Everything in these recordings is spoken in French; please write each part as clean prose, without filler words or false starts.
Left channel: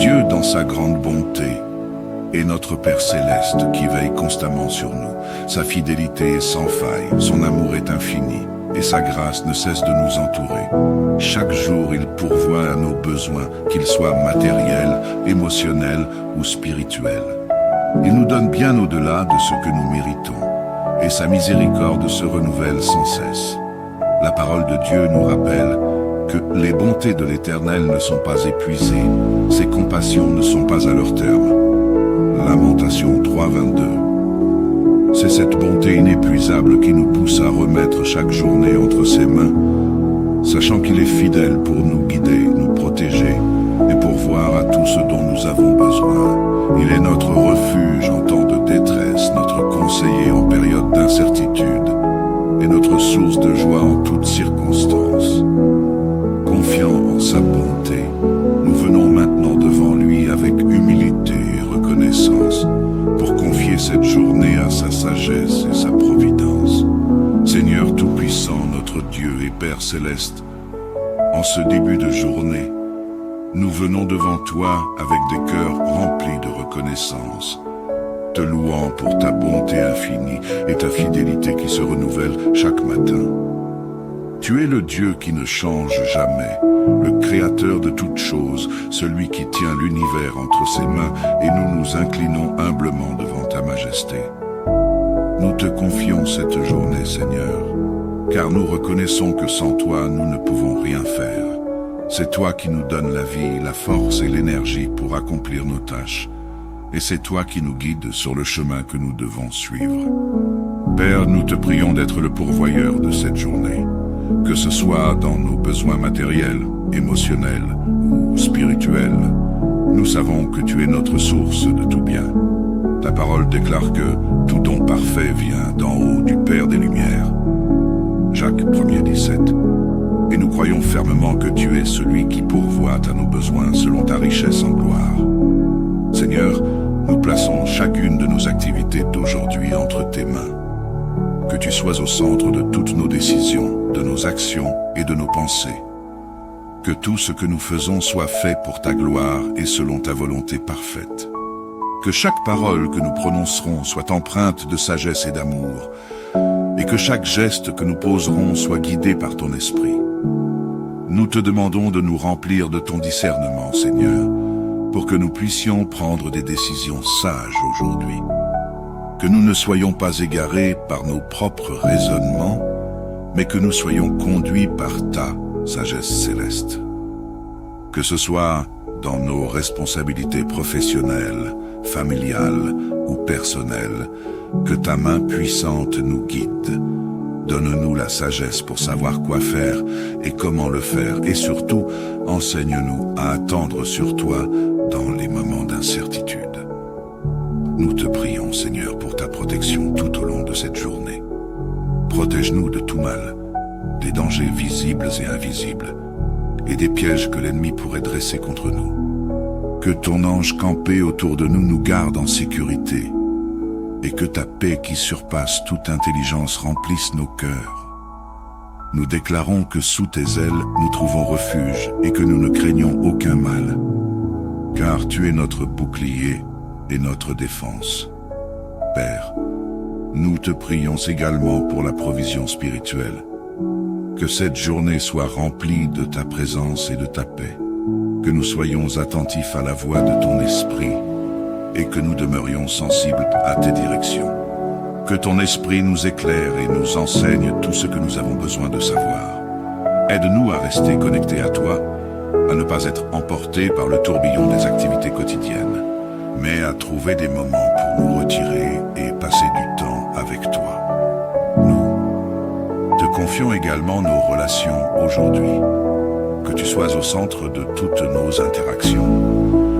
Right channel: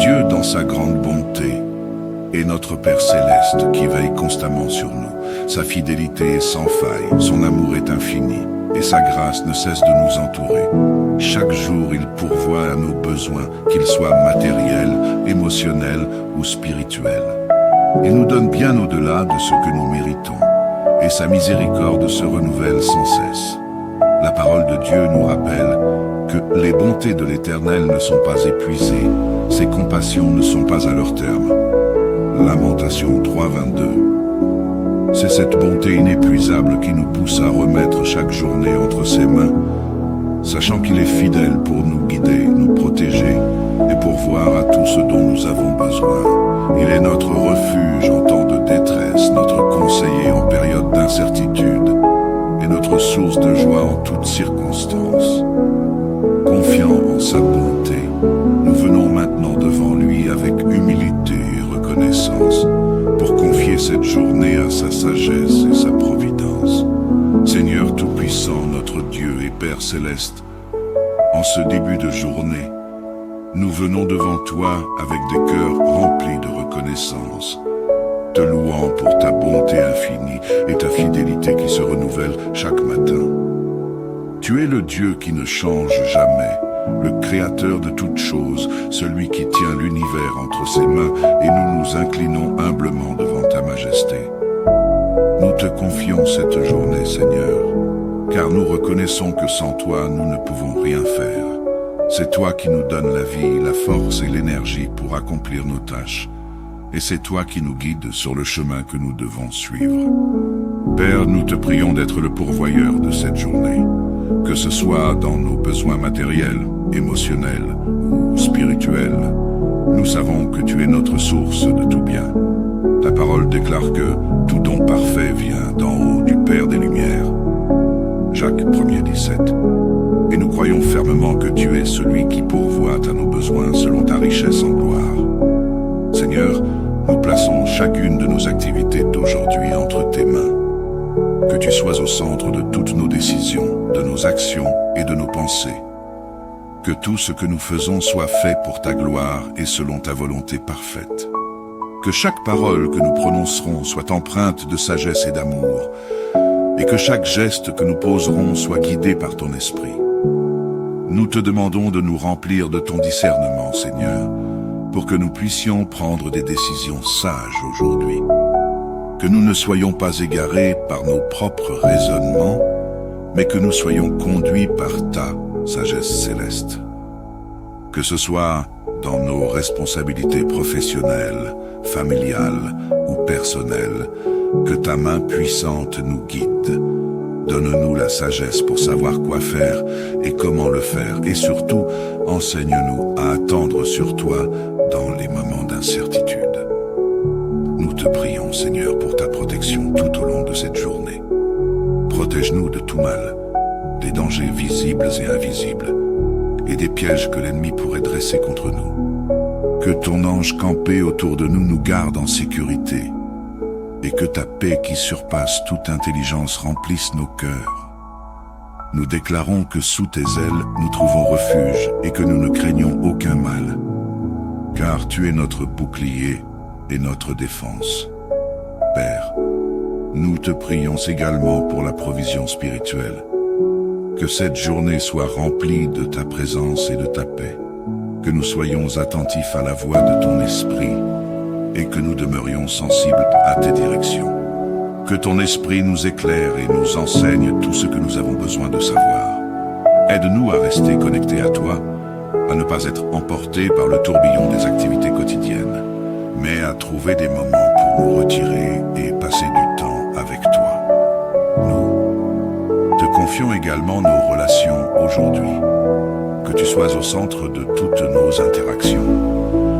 Dieu dans sa grande bonté est notre Père céleste qui veille constamment sur nous. Sa fidélité est sans faille, son amour est infini et sa grâce ne cesse de nous entourer. Chaque jour, il pourvoit à nos besoins, qu'ils soient matériels, émotionnels ou spirituels. Il nous donne bien au-delà de ce que nous méritons, et sa miséricorde se renouvelle sans cesse. La parole de Dieu nous rappelle que les bontés de l'Éternel ne sont pas épuisées, ses compassions ne sont pas à leur terme. Lamentation 3:22. C'est cette bonté inépuisable qui nous pousse à remettre chaque journée entre ses mains, sachant qu'il est fidèle pour nous guider, nous protéger et pourvoir à tout ce dont nous avons besoin. Il est notre refuge en temps de détresse, notre conseiller en période d'incertitude et notre source de joie en toutes circonstances. Confiant en sa bonté, nous venons maintenant devant lui avec humilité et reconnaissance pour confier cette journée à sa sagesse et sa providence. Seigneur Tout-Puissant, notre Dieu et Père Céleste, en ce début de journée, nous venons devant toi avec des cœurs remplis de reconnaissance, te louant pour ta bonté infinie et ta fidélité qui se renouvelle chaque matin. Tu es le Dieu qui ne change jamais, le Créateur de toutes choses, celui qui tient l'univers entre ses mains, et nous nous inclinons humblement devant ta majesté. Nous te confions cette journée, Seigneur, car nous reconnaissons que sans toi, nous ne pouvons rien faire. C'est toi qui nous donnes la vie, la force et l'énergie pour accomplir nos tâches, et c'est toi qui nous guides sur le chemin que nous devons suivre. Père, nous te prions d'être le pourvoyeur de cette journée, que ce soit dans nos besoins matériels, émotionnels ou spirituels. Nous savons que tu es notre source de tout bien. Ta parole déclare que tout don parfait vient d'en haut du Père des Lumières. Jacques 1:17. Et nous croyons fermement que tu es celui qui pourvoit à nos besoins selon ta richesse en gloire. Seigneur, nous plaçons chacune de nos activités d'aujourd'hui entre tes mains. Que tu sois au centre de toutes nos décisions, de nos actions et de nos pensées. Que tout ce que nous faisons soit fait pour ta gloire et selon ta volonté parfaite. Que chaque parole que nous prononcerons soit empreinte de sagesse et d'amour, et que chaque geste que nous poserons soit guidé par ton esprit. Nous te demandons de nous remplir de ton discernement, Seigneur, pour que nous puissions prendre des décisions sages aujourd'hui. Que nous ne soyons pas égarés par nos propres raisonnements, mais que nous soyons conduits par ta sagesse céleste. Que ce soit dans nos responsabilités professionnelles, familiales ou personnelles, que ta main puissante nous guide. Donne-nous la sagesse pour savoir quoi faire et comment le faire, et surtout, enseigne-nous à attendre sur toi dans les moments d'incertitude. Nous te prions, Seigneur, pour ta protection tout au long de cette journée. Protège-nous de tout mal, des dangers visibles et invisibles, et des pièges que l'ennemi pourrait dresser contre nous. Que ton ange campé autour de nous nous garde en sécurité, et que ta paix qui surpasse toute intelligence remplisse nos cœurs. Nous déclarons que sous tes ailes nous trouvons refuge et que nous ne craignons aucun mal, car tu es notre bouclier et notre défense. Père, nous te prions également pour la provision spirituelle. Que cette journée soit remplie de ta présence et de ta paix, que nous soyons attentifs à la voix de ton esprit et que nous demeurions sensibles à tes directions. Que ton esprit nous éclaire et nous enseigne tout ce que nous avons besoin de savoir. Aide-nous à rester connectés à toi, à ne pas être emportés par le tourbillon des activités quotidiennes, mais à trouver des moments pour nous retirer et passer du temps avec toi. Nous te confions également nos relations aujourd'hui. Que tu sois au centre de toutes nos interactions.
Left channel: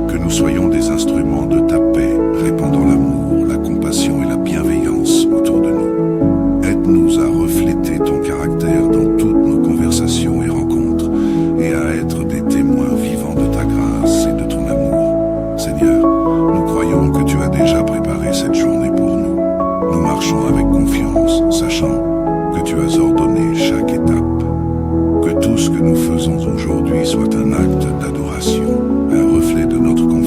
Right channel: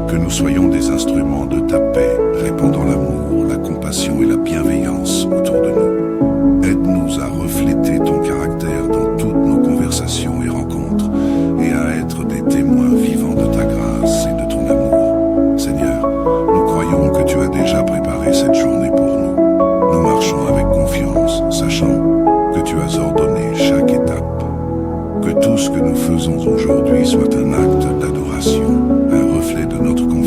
Que nous soyons des instruments de ta paix, répandant l'amour, la compassion et la bienveillance autour de nous. Aide-nous à refléter ton caractère dans toutes nos conversations et rencontres, et à être des témoins vivants de ta grâce et de ton amour. Seigneur, nous croyons que tu as déjà préparé cette journée pour nous. Nous marchons avec confiance, sachant que tu as ordonné chaque étape. Que tout ce que nous faisons aujourd'hui soit un acte d'adoration, un reflet de notre confiance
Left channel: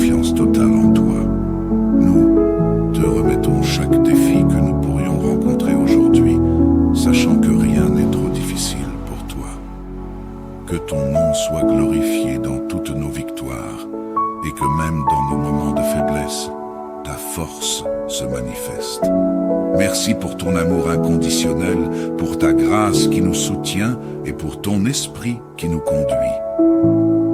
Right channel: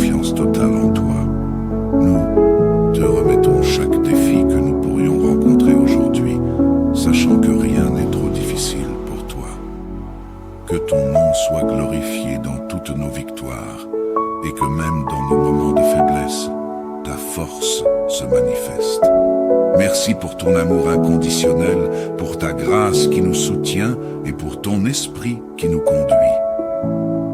et que même dans nos moments de faiblesse, ta force se manifeste. Merci pour ton amour inconditionnel, pour ta grâce qui nous soutient et pour ton esprit qui nous conduit.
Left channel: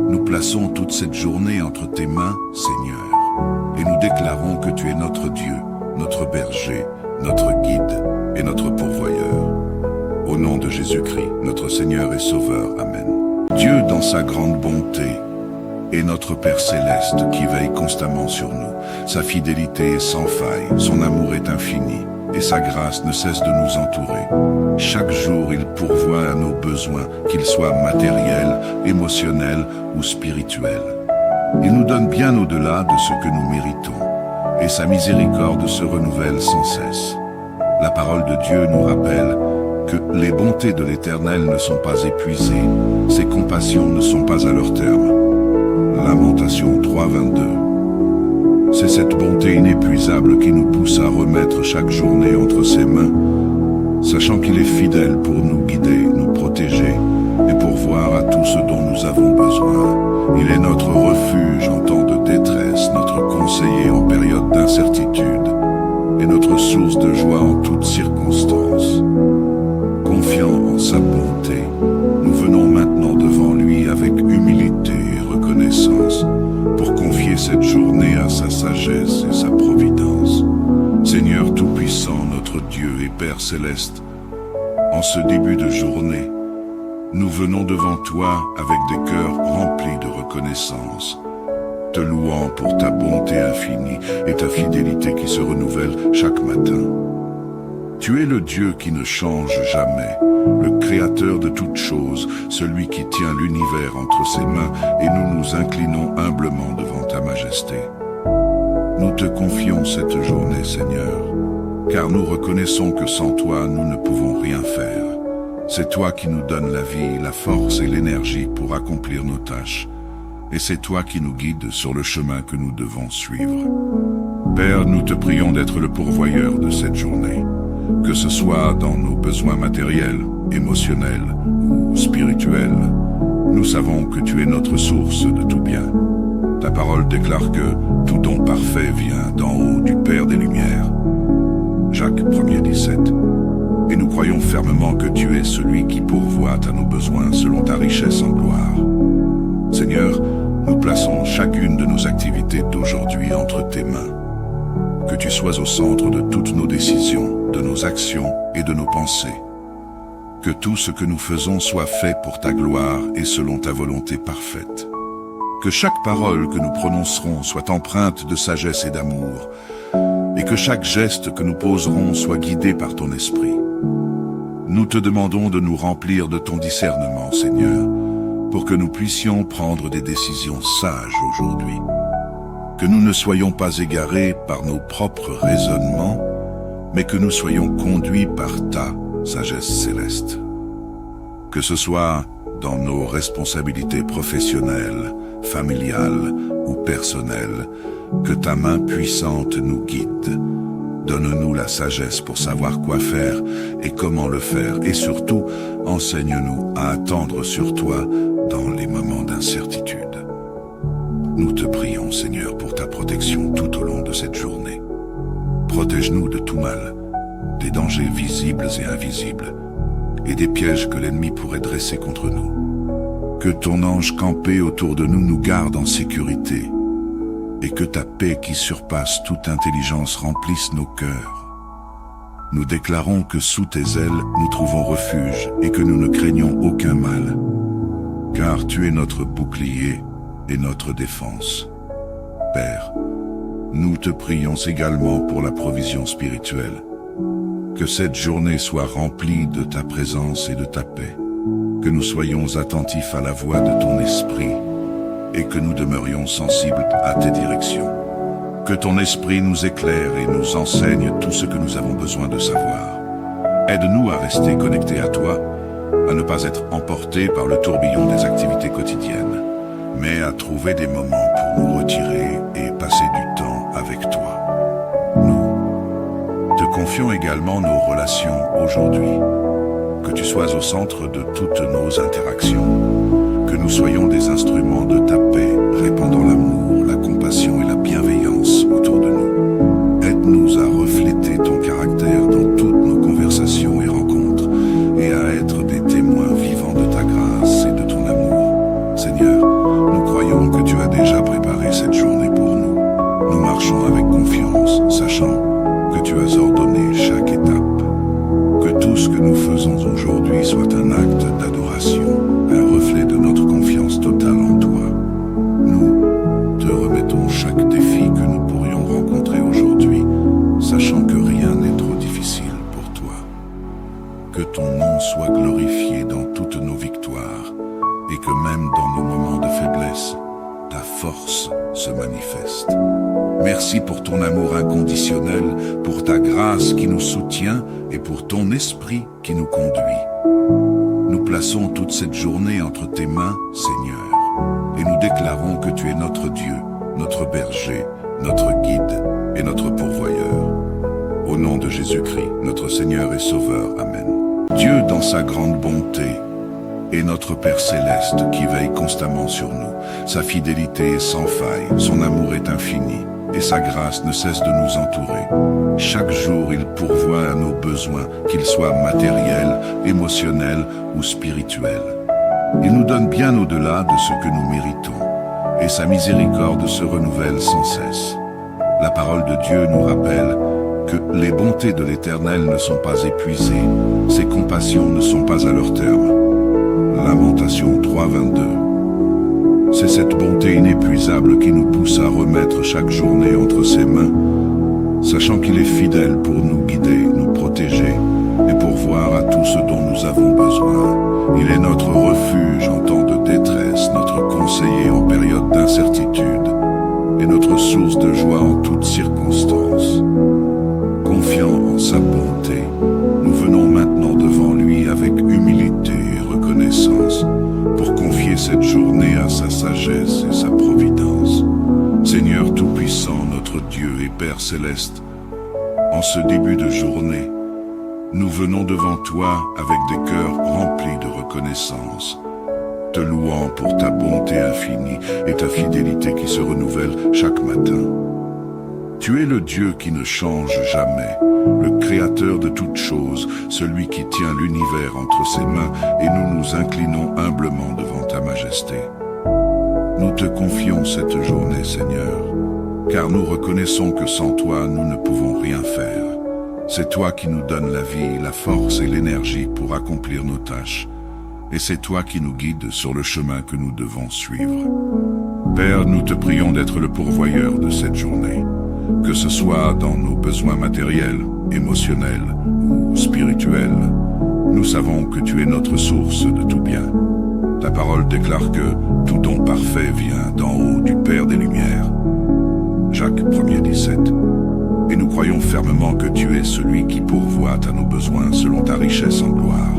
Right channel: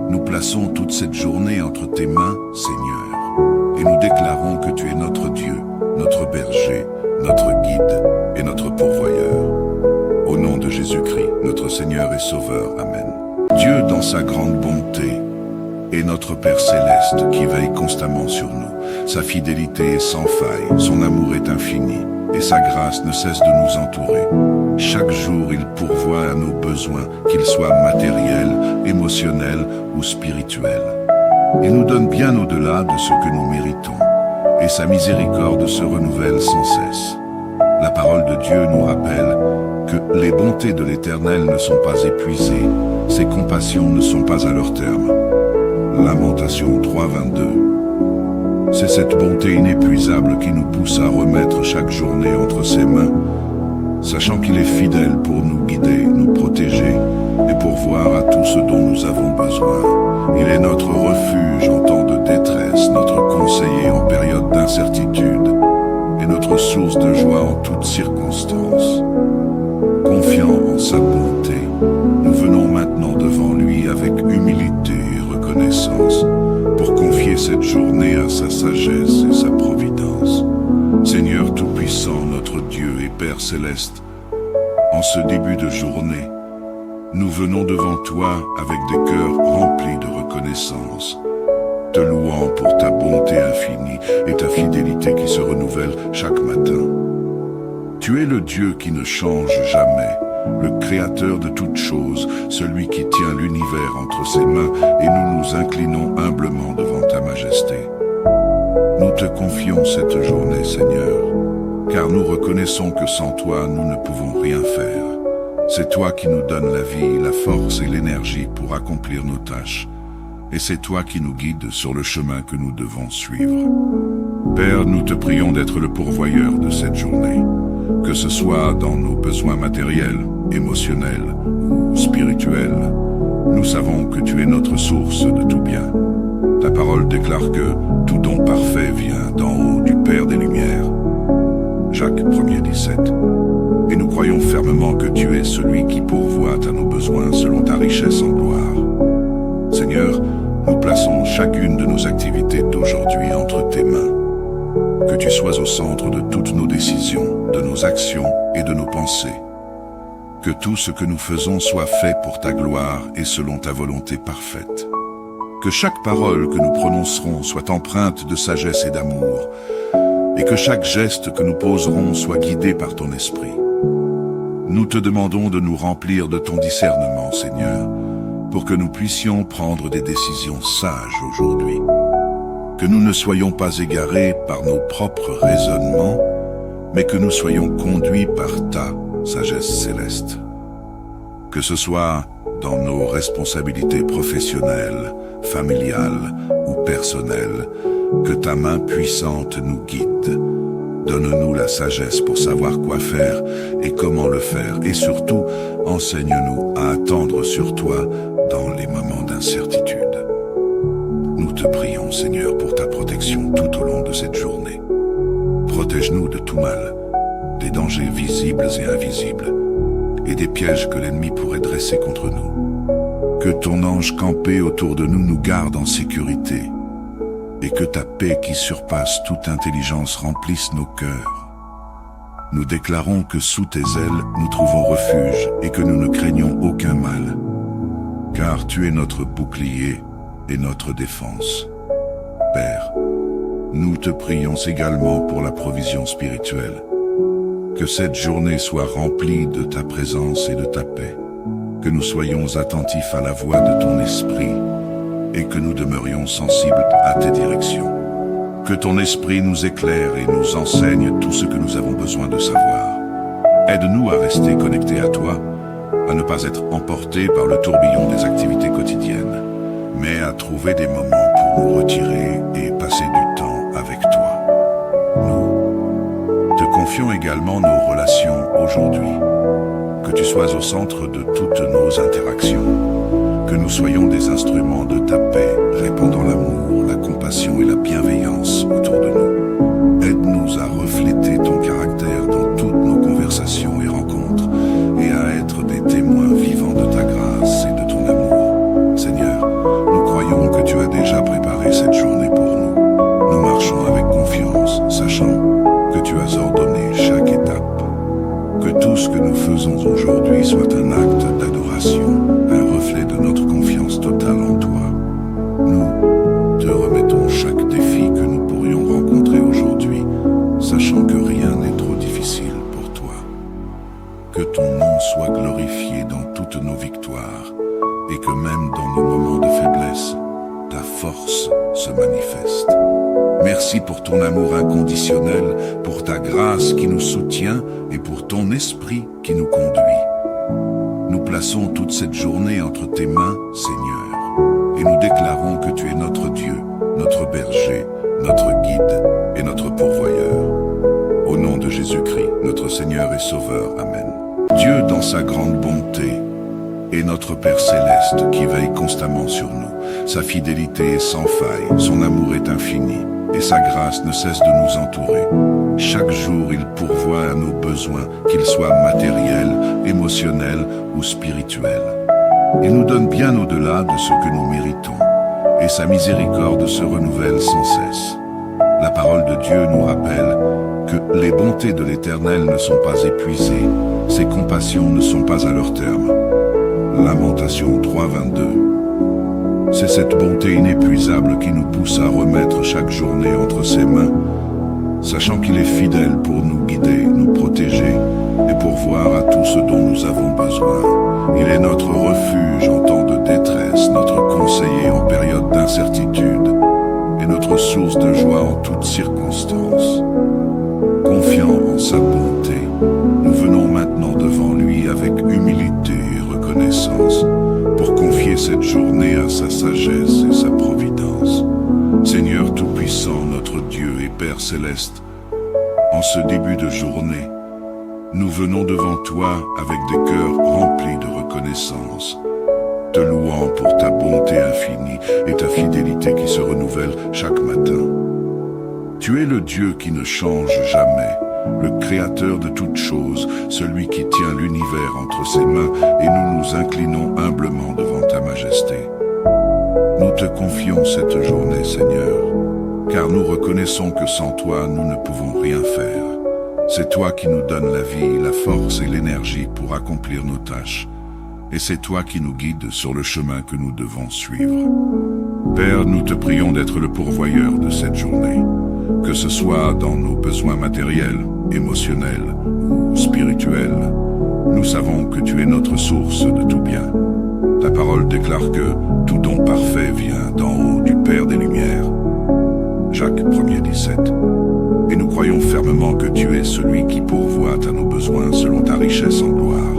Nous plaçons toute cette journée entre tes mains, Seigneur, et nous déclarons que tu es notre Dieu, notre berger, notre guide et notre pourvoyeur. Au nom de Jésus-Christ, notre Seigneur et Sauveur. Amen. Dieu, dans sa grande bonté, est notre Père céleste qui veille constamment sur nous. Sa fidélité est sans faille, son amour est infini, et sa grâce ne cesse de nous entourer. Chaque jour, il pourvoit à nos besoins, qu'ils soient matériels, émotionnels ou spirituels. Il nous donne bien au-delà de ce que nous méritons, et sa miséricorde se renouvelle sans cesse. La parole de Dieu nous rappelle que les bontés de l'Éternel ne sont pas épuisées, ses compassions ne sont pas à leur terme. Lamentation 3:22. C'est cette bonté inépuisable qui nous pousse à remettre chaque journée entre ses mains, sachant qu'il est fidèle pour nous guider, nous protéger et pourvoir à tout ce dont nous avons besoin. Il est notre refuge en temps de détresse, notre conseiller en période d'incertitude et notre source de joie en toutes circonstances. Confiant en sa bonté, nous venons maintenant devant lui avec humilité et reconnaissance pour confier cette journée à sa sagesse et sa providence. Seigneur Tout-Puissant, notre Dieu et Père Céleste, en ce début de journée, nous venons devant toi avec des cœurs remplis de reconnaissance, te louant pour ta bonté infinie et ta fidélité qui se renouvelle chaque matin. Tu es le Dieu qui ne change jamais, le Créateur de toutes choses, celui qui tient l'univers entre ses mains, et nous nous inclinons humblement devant ta majesté. Nous te confions cette journée, Seigneur, car nous reconnaissons que sans toi, nous ne pouvons rien faire. C'est toi qui nous donnes la vie, la force et l'énergie pour accomplir nos tâches, et c'est toi qui nous guides sur le chemin que nous devons suivre. Père, nous te prions d'être le pourvoyeur de cette journée, que ce soit dans nos besoins matériels, émotionnels ou spirituels. Nous savons que tu es notre source de tout bien. Ta parole déclare que tout don parfait vient d'en haut du Père des Lumières. Jacques 1:17. Et nous croyons fermement que tu es celui qui pourvoit à nos besoins selon ta richesse en gloire. Seigneur, nous plaçons chacune de nos activités d'aujourd'hui entre tes mains. Que tu sois au centre de toutes nos décisions, de nos actions et de nos pensées. Que tout ce que nous faisons soit fait pour ta gloire et selon ta volonté parfaite. Que chaque parole que nous prononcerons soit empreinte de sagesse et d'amour, et que chaque geste que nous poserons soit guidé par ton esprit. Nous te demandons de nous remplir de ton discernement, Seigneur, pour que nous puissions prendre des décisions sages aujourd'hui. Que nous ne soyons pas égarés par nos propres raisonnements, mais que nous soyons conduits par ta sagesse céleste. Que ce soit dans nos responsabilités professionnelles, familiales ou personnelles, que ta main puissante nous guide. Donne-nous la sagesse pour savoir quoi faire et comment le faire, et surtout, enseigne-nous à attendre sur toi dans les moments d'incertitude. Nous te prions, Seigneur, pour ta protection tout au long de cette journée. Protège-nous de tout mal, des dangers visibles et invisibles, et des pièges que l'ennemi pourrait dresser contre nous. Que ton ange campé autour de nous nous garde en sécurité, et que ta paix qui surpasse toute intelligence remplisse nos cœurs. Nous déclarons que sous tes ailes nous trouvons refuge et que nous ne craignons aucun mal, car tu es notre bouclier et notre défense. Père, nous te prions également pour la provision spirituelle. Que cette journée soit remplie de ta présence et de ta paix, que nous soyons attentifs à la voix de ton esprit et que nous demeurions sensibles à tes directions. Que ton esprit nous éclaire et nous enseigne tout ce que nous avons besoin de savoir. Aide-nous à rester connectés à toi, à ne pas être emportés par le tourbillon des activités quotidiennes, mais à trouver des moments pour nous retirer et passer du temps avec toi. Nous te confions également nos relations aujourd'hui. Que tu sois au centre de toutes nos interactions. Que nous soyons des instruments de ta paix, répandant l'amour, la journée pour nous. Nous marchons avec confiance, sachant que tu as ordonné chaque étape. Que tout ce que nous faisons aujourd'hui soit un acte d'adoration, un reflet de notre confiance totale en toi. Nous te remettons chaque défi que nous pourrions rencontrer aujourd'hui, sachant que rien n'est trop difficile pour toi. Que ton nom soit glorifié dans toutes nos victoires, et que même dans nos moments de faiblesse, ta force se manifeste. Merci pour ton amour inconditionnel, pour ta grâce qui nous soutient et pour ton esprit qui nous conduit. Nous plaçons toute cette journée entre tes mains, Seigneur, et nous déclarons que tu es notre Dieu, notre berger, notre guide et notre pourvoyeur. Au nom de Jésus-Christ, notre Seigneur et Sauveur. Amen. Dieu, dans sa grande bonté, est notre Père céleste qui veille constamment sur nous. Sa fidélité est sans faille, son amour est infini, et sa grâce ne cesse de nous entourer. Chaque jour, il pourvoit à nos besoins, qu'ils soient matériels, émotionnels ou spirituels. Il nous donne bien au-delà de ce que nous méritons, et sa miséricorde se renouvelle sans cesse. La parole de Dieu nous rappelle que les bontés de l'Éternel ne sont pas épuisées, ses compassions ne sont pas à leur terme. Lamentation 3:22. C'est cette bonté inépuisable qui nous pousse à remettre chaque journée entre ses mains, sachant qu'il est fidèle pour nous guider, nous protéger et pourvoir à tout ce dont nous avons besoin. Il est notre refuge en temps de détresse, notre conseiller en période d'incertitude et notre source de joie en toutes circonstances. Confiant en sa bonté, nous venons maintenant devant lui avec humilité et reconnaissance pour confier cette journée à sa sagesse et sa providence. Seigneur Tout-Puissant, notre Dieu et Père Céleste, en ce début de journée, nous venons devant toi avec des cœurs remplis de reconnaissance, te louant pour ta bonté infinie et ta fidélité qui se renouvelle chaque matin. Tu es le Dieu qui ne change jamais, le Créateur de toutes choses, celui qui tient l'univers entre ses mains, et nous nous inclinons humblement devant ta majesté. Nous te confions cette journée, Seigneur, car nous reconnaissons que sans toi, nous ne pouvons rien faire. C'est toi qui nous donnes la vie, la force et l'énergie pour accomplir nos tâches, et c'est toi qui nous guides sur le chemin que nous devons suivre. Père, nous te prions d'être le pourvoyeur de cette journée, que ce soit dans nos besoins matériels, émotionnels ou spirituels. Nous savons que tu es notre source de tout bien. Ta parole déclare que tout don parfait vient d'en haut du Père des Lumières. Jacques 1:17. Et nous croyons fermement que tu es celui qui pourvoit à nos besoins selon ta richesse en gloire.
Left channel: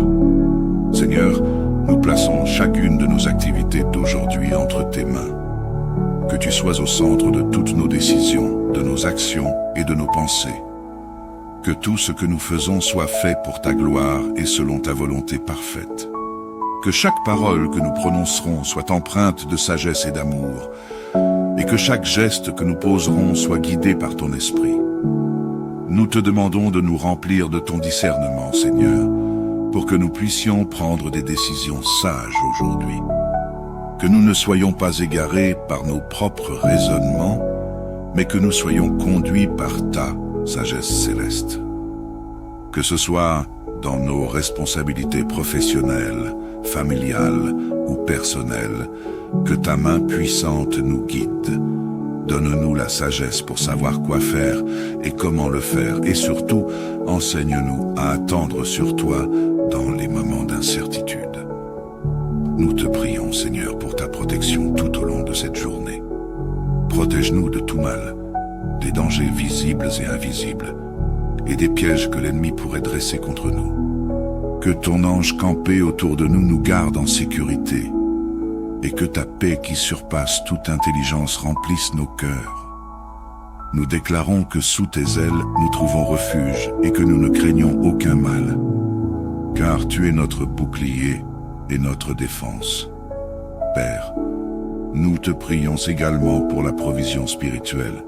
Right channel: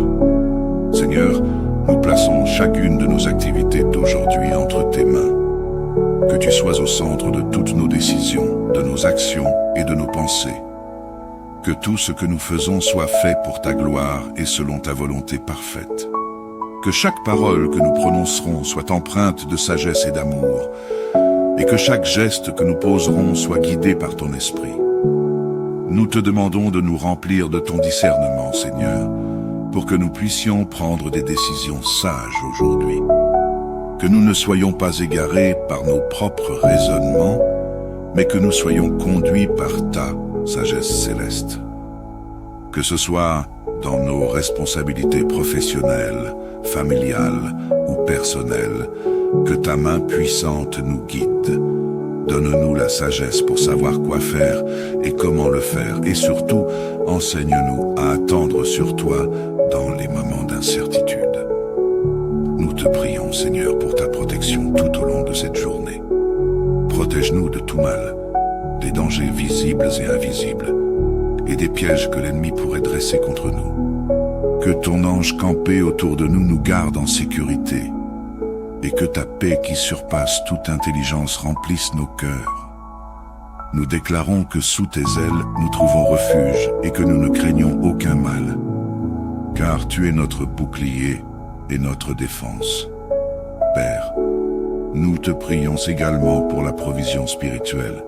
Seigneur, nous plaçons chacune de nos activités d'aujourd'hui entre tes mains. Que tu sois au centre de toutes nos décisions, de nos actions et de nos pensées. Que tout ce que nous faisons soit fait pour ta gloire et selon ta volonté parfaite. Que chaque parole que nous prononcerons soit empreinte de sagesse et d'amour, et que chaque geste que nous poserons soit guidé par ton esprit. Nous te demandons de nous remplir de ton discernement, Seigneur, pour que nous puissions prendre des décisions sages aujourd'hui. Que nous ne soyons pas égarés par nos propres raisonnements, mais que nous soyons conduits par ta sagesse céleste. Que ce soit dans nos responsabilités professionnelles, familiales ou personnelles, que ta main puissante nous guide. Donne-nous la sagesse pour savoir quoi faire et comment le faire, et surtout, enseigne-nous à attendre sur toi dans les moments d'incertitude. Nous te prions, Seigneur, pour ta protection tout au long de cette journée. Protège-nous de tout mal, des dangers visibles et invisibles, et des pièges que l'ennemi pourrait dresser contre nous. Que ton ange campé autour de nous nous garde en sécurité, et que ta paix qui surpasse toute intelligence remplisse nos cœurs. Nous déclarons que sous tes ailes nous trouvons refuge et que nous ne craignons aucun mal, car tu es notre bouclier et notre défense. Père, nous te prions également pour la provision spirituelle.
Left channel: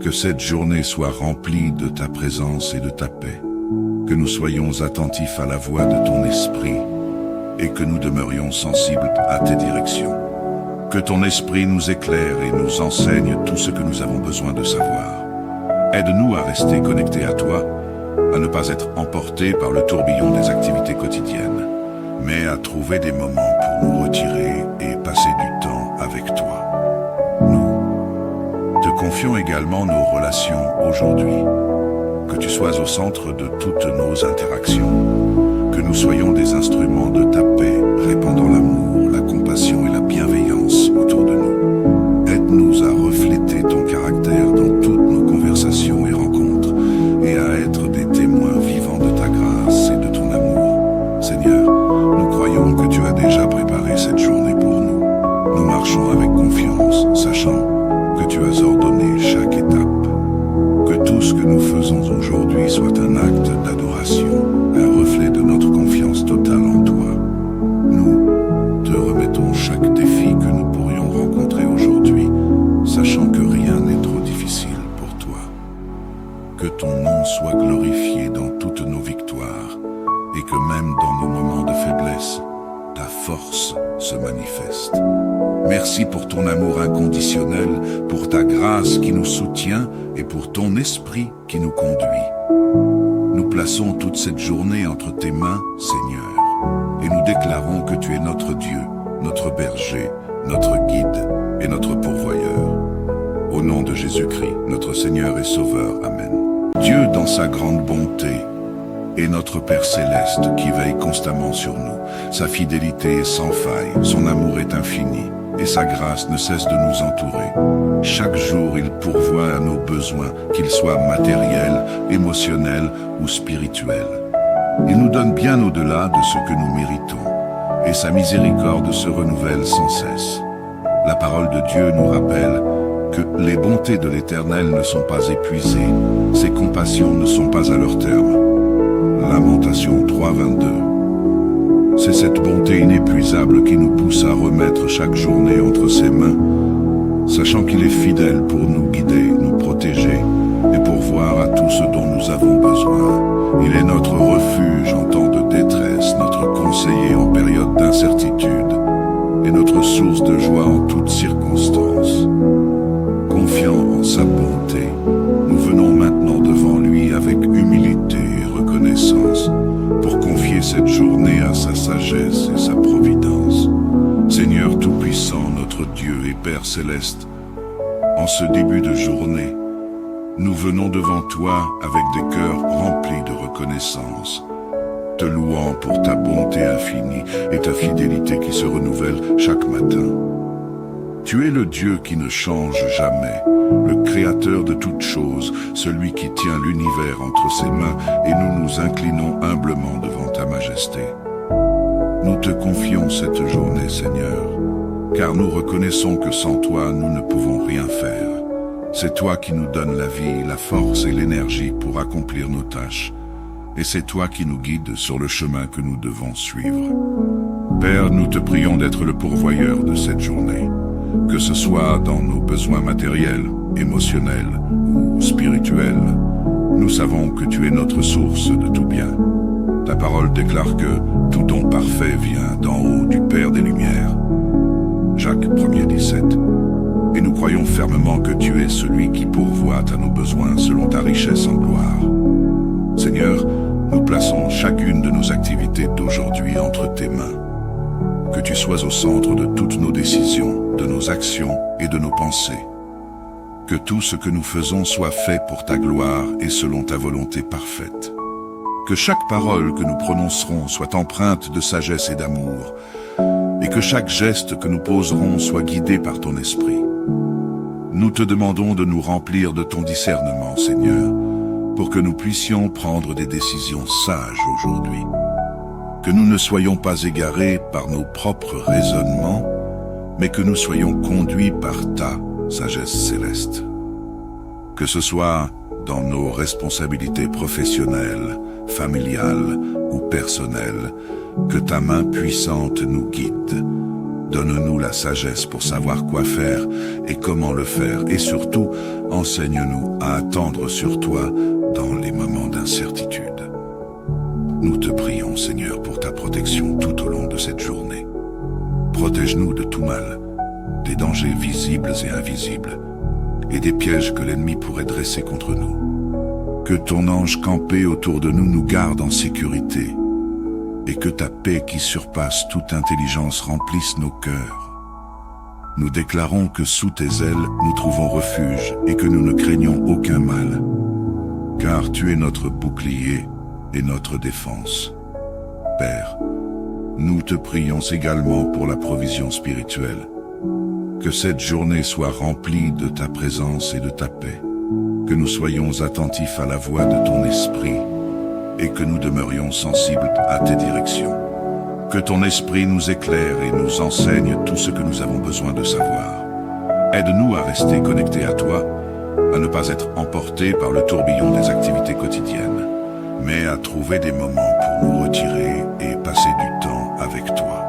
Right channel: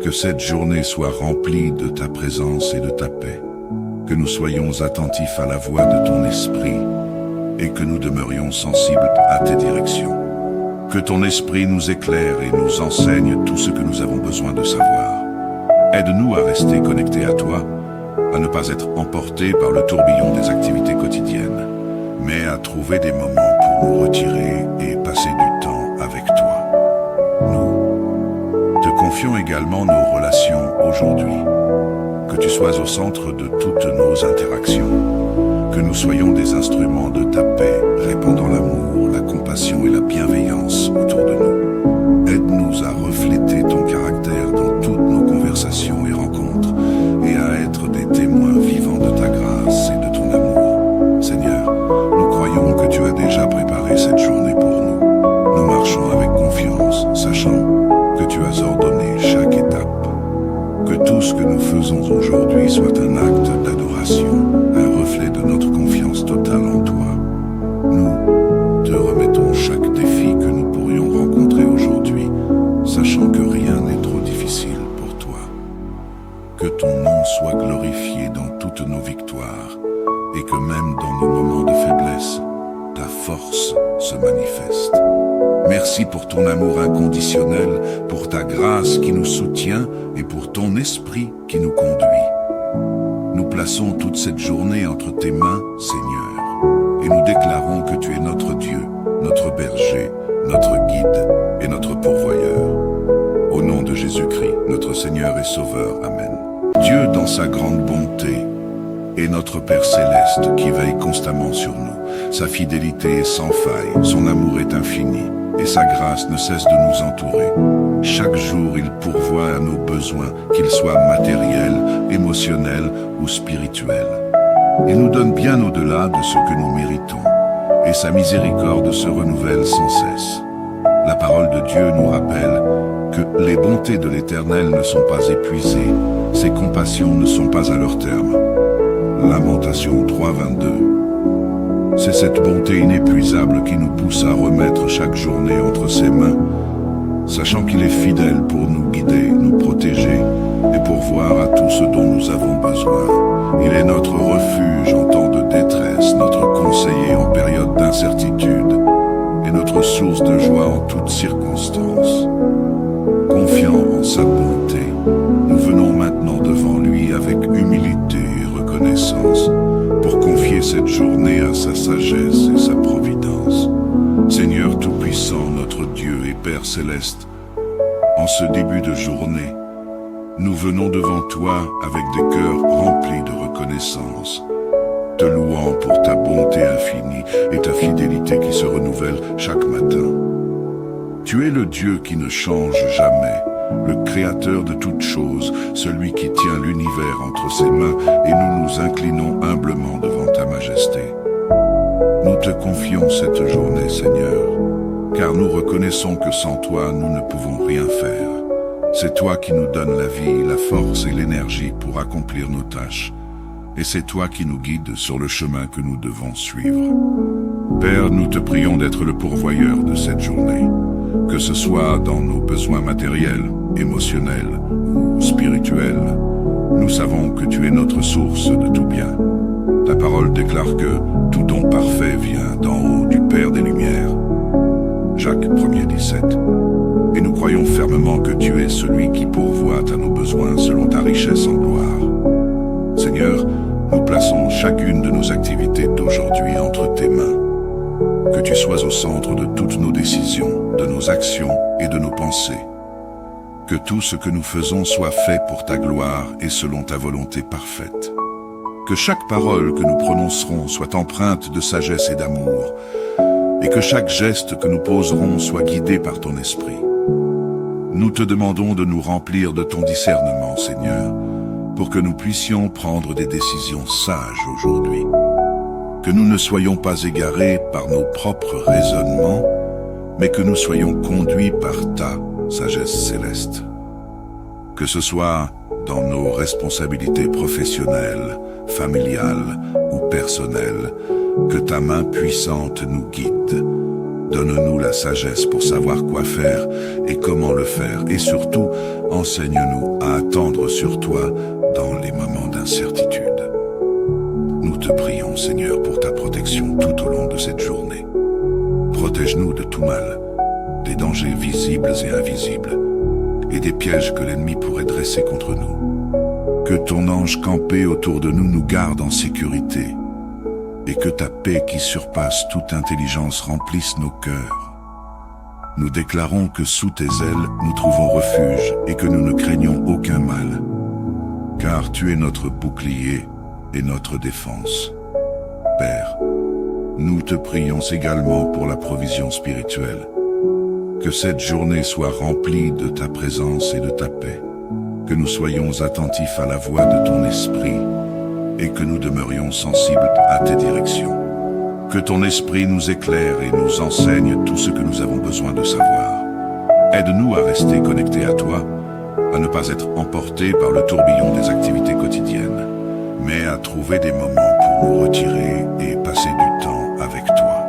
Que cette journée soit remplie de ta présence et de ta paix, que nous soyons attentifs à la voix de ton esprit et que nous demeurions sensibles à tes directions. Que ton esprit nous éclaire et nous enseigne tout ce que nous avons besoin de savoir. Aide-nous à rester connectés à toi, à ne pas être emportés par le tourbillon des activités quotidiennes, mais à trouver des moments pour nous retirer et passer du temps avec toi. Nous te confions également nos relations aujourd'hui. Que tu sois au centre de toutes nos interactions, que nous soyons des instruments de ta paix, répandant l'amour, la compassion et la bienveillance autour de nous. Aide-nous à refléter ton caractère dans toutes nos conversations et rencontres, et à être des témoins vivants de ta grâce et de ton amour. Seigneur, nous croyons que tu as déjà préparé cette journée pour nous. Nous marchons avec confiance, sachant que tu as ordonné chaque étape. Que tout ce que nous faisons aujourd'hui soit un acte d'adoration, un reflet de notre confiance totale en toi. Nous te remettons chaque défi que nous pourrions rencontrer aujourd'hui, sachant que rien n'est trop difficile pour toi. Que ton nom soit glorifié dans toutes nos victoires, et que même dans nos moments de faiblesse, ta force se manifeste. Merci pour ton amour inconditionnel, pour ta grâce qui nous soutient et pour ton esprit qui nous conduit. Nous plaçons toute cette journée entre tes mains, Seigneur, et nous déclarons que tu es notre Dieu, notre berger, notre guide et notre pourvoyeur. Au nom de Jésus-Christ, notre Seigneur et Sauveur. Amen. Dieu, dans sa grande bonté, est notre Père céleste qui veille constamment sur nous. Sa fidélité est sans faille, son amour est infini, et sa grâce ne cesse de nous entourer. Chaque jour, il pourvoit à nos besoins, qu'ils soient matériels, émotionnels ou spirituels. Il nous donne bien au-delà de ce que nous méritons, et sa miséricorde se renouvelle sans cesse. La parole de Dieu nous rappelle que les bontés de l'Éternel ne sont pas épuisées, ses compassions ne sont pas à leur terme. Lamentation 3:22. C'est cette bonté inépuisable qui nous pousse à remettre chaque journée entre ses mains, sachant qu'il est fidèle pour nous guider, nous protéger et pourvoir à tout ce dont nous avons besoin. Il est notre refuge en temps de détresse, notre conseiller en période d'incertitude et notre source de joie en toutes circonstances. Confiant en sa bonté, nous venons maintenant devant lui avec humilité et reconnaissance pour confier cette journée à sa sagesse et sa providence. Seigneur Tout-Puissant, notre Dieu et Père Céleste, en ce début de journée, nous venons devant toi avec des cœurs remplis de reconnaissance, te louant pour ta bonté infinie et ta fidélité qui se renouvelle chaque matin. Tu es le Dieu qui ne change jamais, le Créateur de toutes choses, celui qui tient l'univers entre ses mains, et nous nous inclinons humblement devant ta majesté. Nous te confions cette journée, Seigneur, car nous reconnaissons que sans toi, nous ne pouvons rien faire. C'est toi qui nous donnes la vie, la force et l'énergie pour accomplir nos tâches, et c'est toi qui nous guides sur le chemin que nous devons suivre. Père, nous te prions d'être le pourvoyeur de cette journée, que ce soit dans nos besoins matériels, émotionnels ou spirituels. Nous savons que tu es notre source de tout bien. Ta parole déclare que tout don parfait vient d'en haut du Père des Lumières. Jacques 1:17. Et nous croyons fermement que tu es celui qui pourvoit à nos besoins selon ta richesse en gloire. Seigneur, nous plaçons chacune de nos activités d'aujourd'hui entre tes mains. Que tu sois au centre de toutes nos décisions, de nos actions et de nos pensées. Que tout ce que nous faisons soit fait pour ta gloire et selon ta volonté parfaite. Que chaque parole que nous prononcerons soit empreinte de sagesse et d'amour, et que chaque geste que nous poserons soit guidé par ton esprit. Nous te demandons de nous remplir de ton discernement, Seigneur, pour que nous puissions prendre des décisions sages aujourd'hui. Que nous ne soyons pas égarés par nos propres raisonnements, mais que nous soyons conduits par ta sagesse céleste. Que ce soit dans nos responsabilités professionnelles, familiales ou personnelles, que ta main puissante nous guide. Donne-nous la sagesse pour savoir quoi faire et comment le faire, et surtout, enseigne-nous à attendre sur toi dans les moments d'incertitude. Nous te prions, Seigneur, pour ta protection tout au long de cette journée. Protège-nous de tout mal, des dangers visibles et invisibles, et des pièges que l'ennemi pourrait dresser contre nous. Que ton ange campé autour de nous nous garde en sécurité, et que ta paix qui surpasse toute intelligence remplisse nos cœurs. Nous déclarons que sous tes ailes nous trouvons refuge et que nous ne craignons aucun mal, car tu es notre bouclier et notre défense. Père, nous te prions également pour la provision spirituelle. Que cette journée soit remplie de ta présence et de ta paix, que nous soyons attentifs à la voix de ton esprit et que nous demeurions sensibles à tes directions. Que ton esprit nous éclaire et nous enseigne tout ce que nous avons besoin de savoir. Aide-nous à rester connectés à toi, à ne pas être emportés par le tourbillon des activités quotidiennes, mais à trouver des moments pour nous retirer et passer du temps avec toi.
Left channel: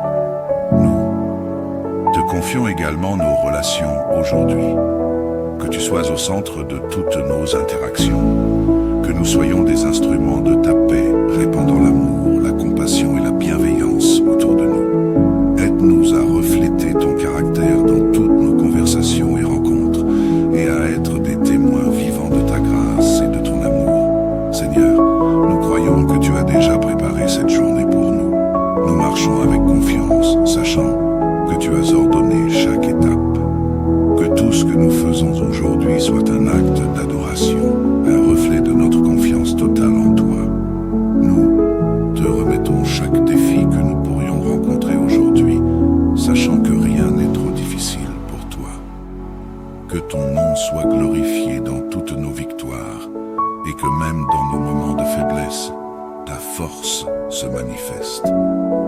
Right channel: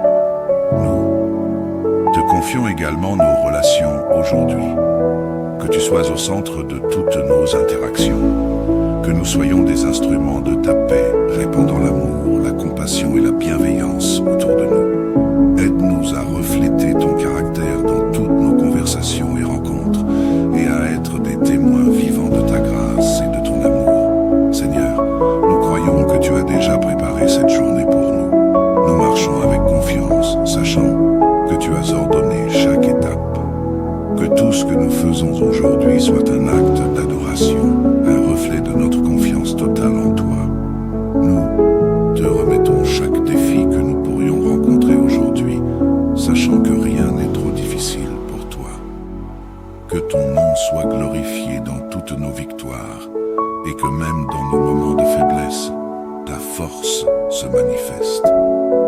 Nous te confions également nos relations aujourd'hui. Que tu sois au centre de toutes nos interactions. Que nous soyons des instruments de ta paix, répandant l'amour, la compassion et la bienveillance autour de nous. Aide-nous à refléter ton caractère dans toutes nos conversations et rencontres, et à être des témoins vivants de ta grâce et de ton amour. Seigneur, nous croyons que tu as déjà préparé cette journée pour nous. Nous marchons avec confiance, sachant que tu as ordonné chaque étape. Que tout ce que nous faisons aujourd'hui soit un acte d'adoration, un reflet de notre confiance totale en toi. Nous te remettons chaque défi que nous pourrions rencontrer aujourd'hui, sachant que rien n'est trop difficile pour toi. Que ton nom soit glorifié dans toutes nos victoires, et que même dans nos moments de faiblesse, ta force se manifeste.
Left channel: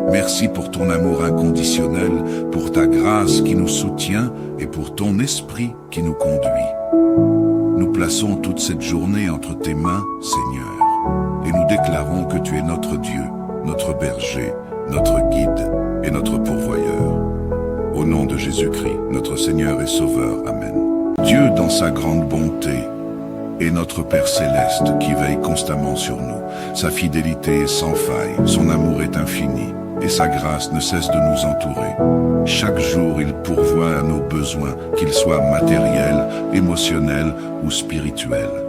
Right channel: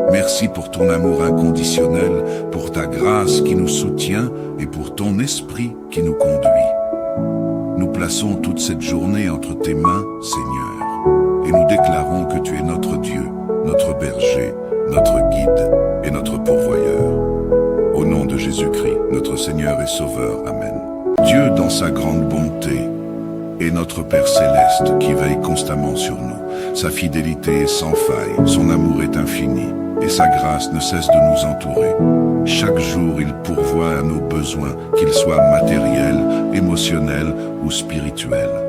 Merci pour ton amour inconditionnel, pour ta grâce qui nous soutient et pour ton esprit qui nous conduit. Nous plaçons toute cette journée entre tes mains, Seigneur, et nous déclarons que tu es notre Dieu, notre berger, notre guide et notre pourvoyeur. Au nom de Jésus-Christ, notre Seigneur et Sauveur. Amen. Dieu, dans sa grande bonté, est notre Père céleste qui veille constamment sur nous. Sa fidélité est sans faille, son amour est infini, et sa grâce ne cesse de nous entourer. Chaque jour, il pourvoit à nos besoins, qu'ils soient matériels, émotionnels ou spirituels.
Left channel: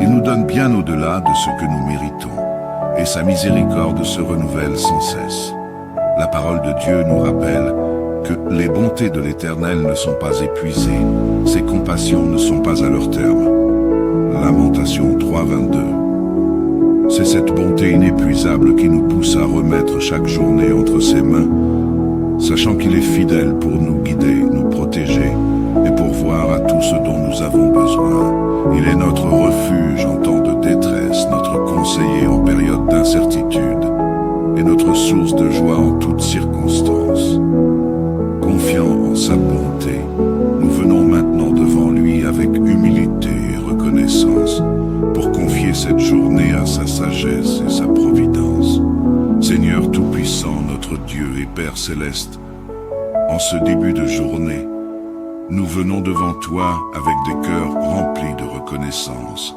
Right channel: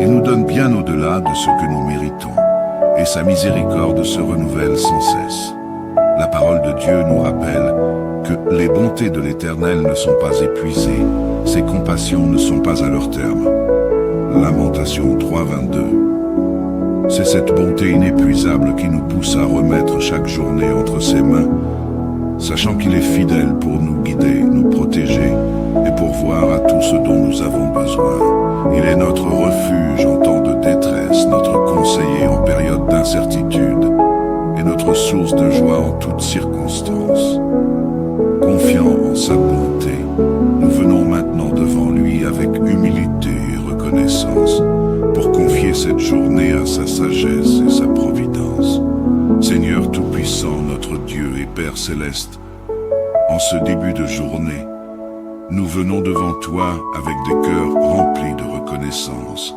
Il nous donne bien au-delà de ce que nous méritons, et sa miséricorde se renouvelle sans cesse. La parole de Dieu nous rappelle que les bontés de l'Éternel ne sont pas épuisées, ses compassions ne sont pas à leur terme. Lamentation 3:22. C'est cette bonté inépuisable qui nous pousse à remettre chaque journée entre ses mains, sachant qu'il est fidèle pour nous guider, nous protéger et pourvoir à tout ce dont nous avons besoin. Il est notre refuge en temps de détresse, notre conseiller en période d'incertitude et notre source de joie en toutes circonstances. Confiant en sa bonté, nous venons maintenant devant lui avec humilité et reconnaissance pour confier cette journée à sa sagesse et sa providence. Seigneur Tout-Puissant, notre Dieu et Père Céleste, en ce début de journée, nous venons devant toi avec des cœurs remplis de reconnaissance,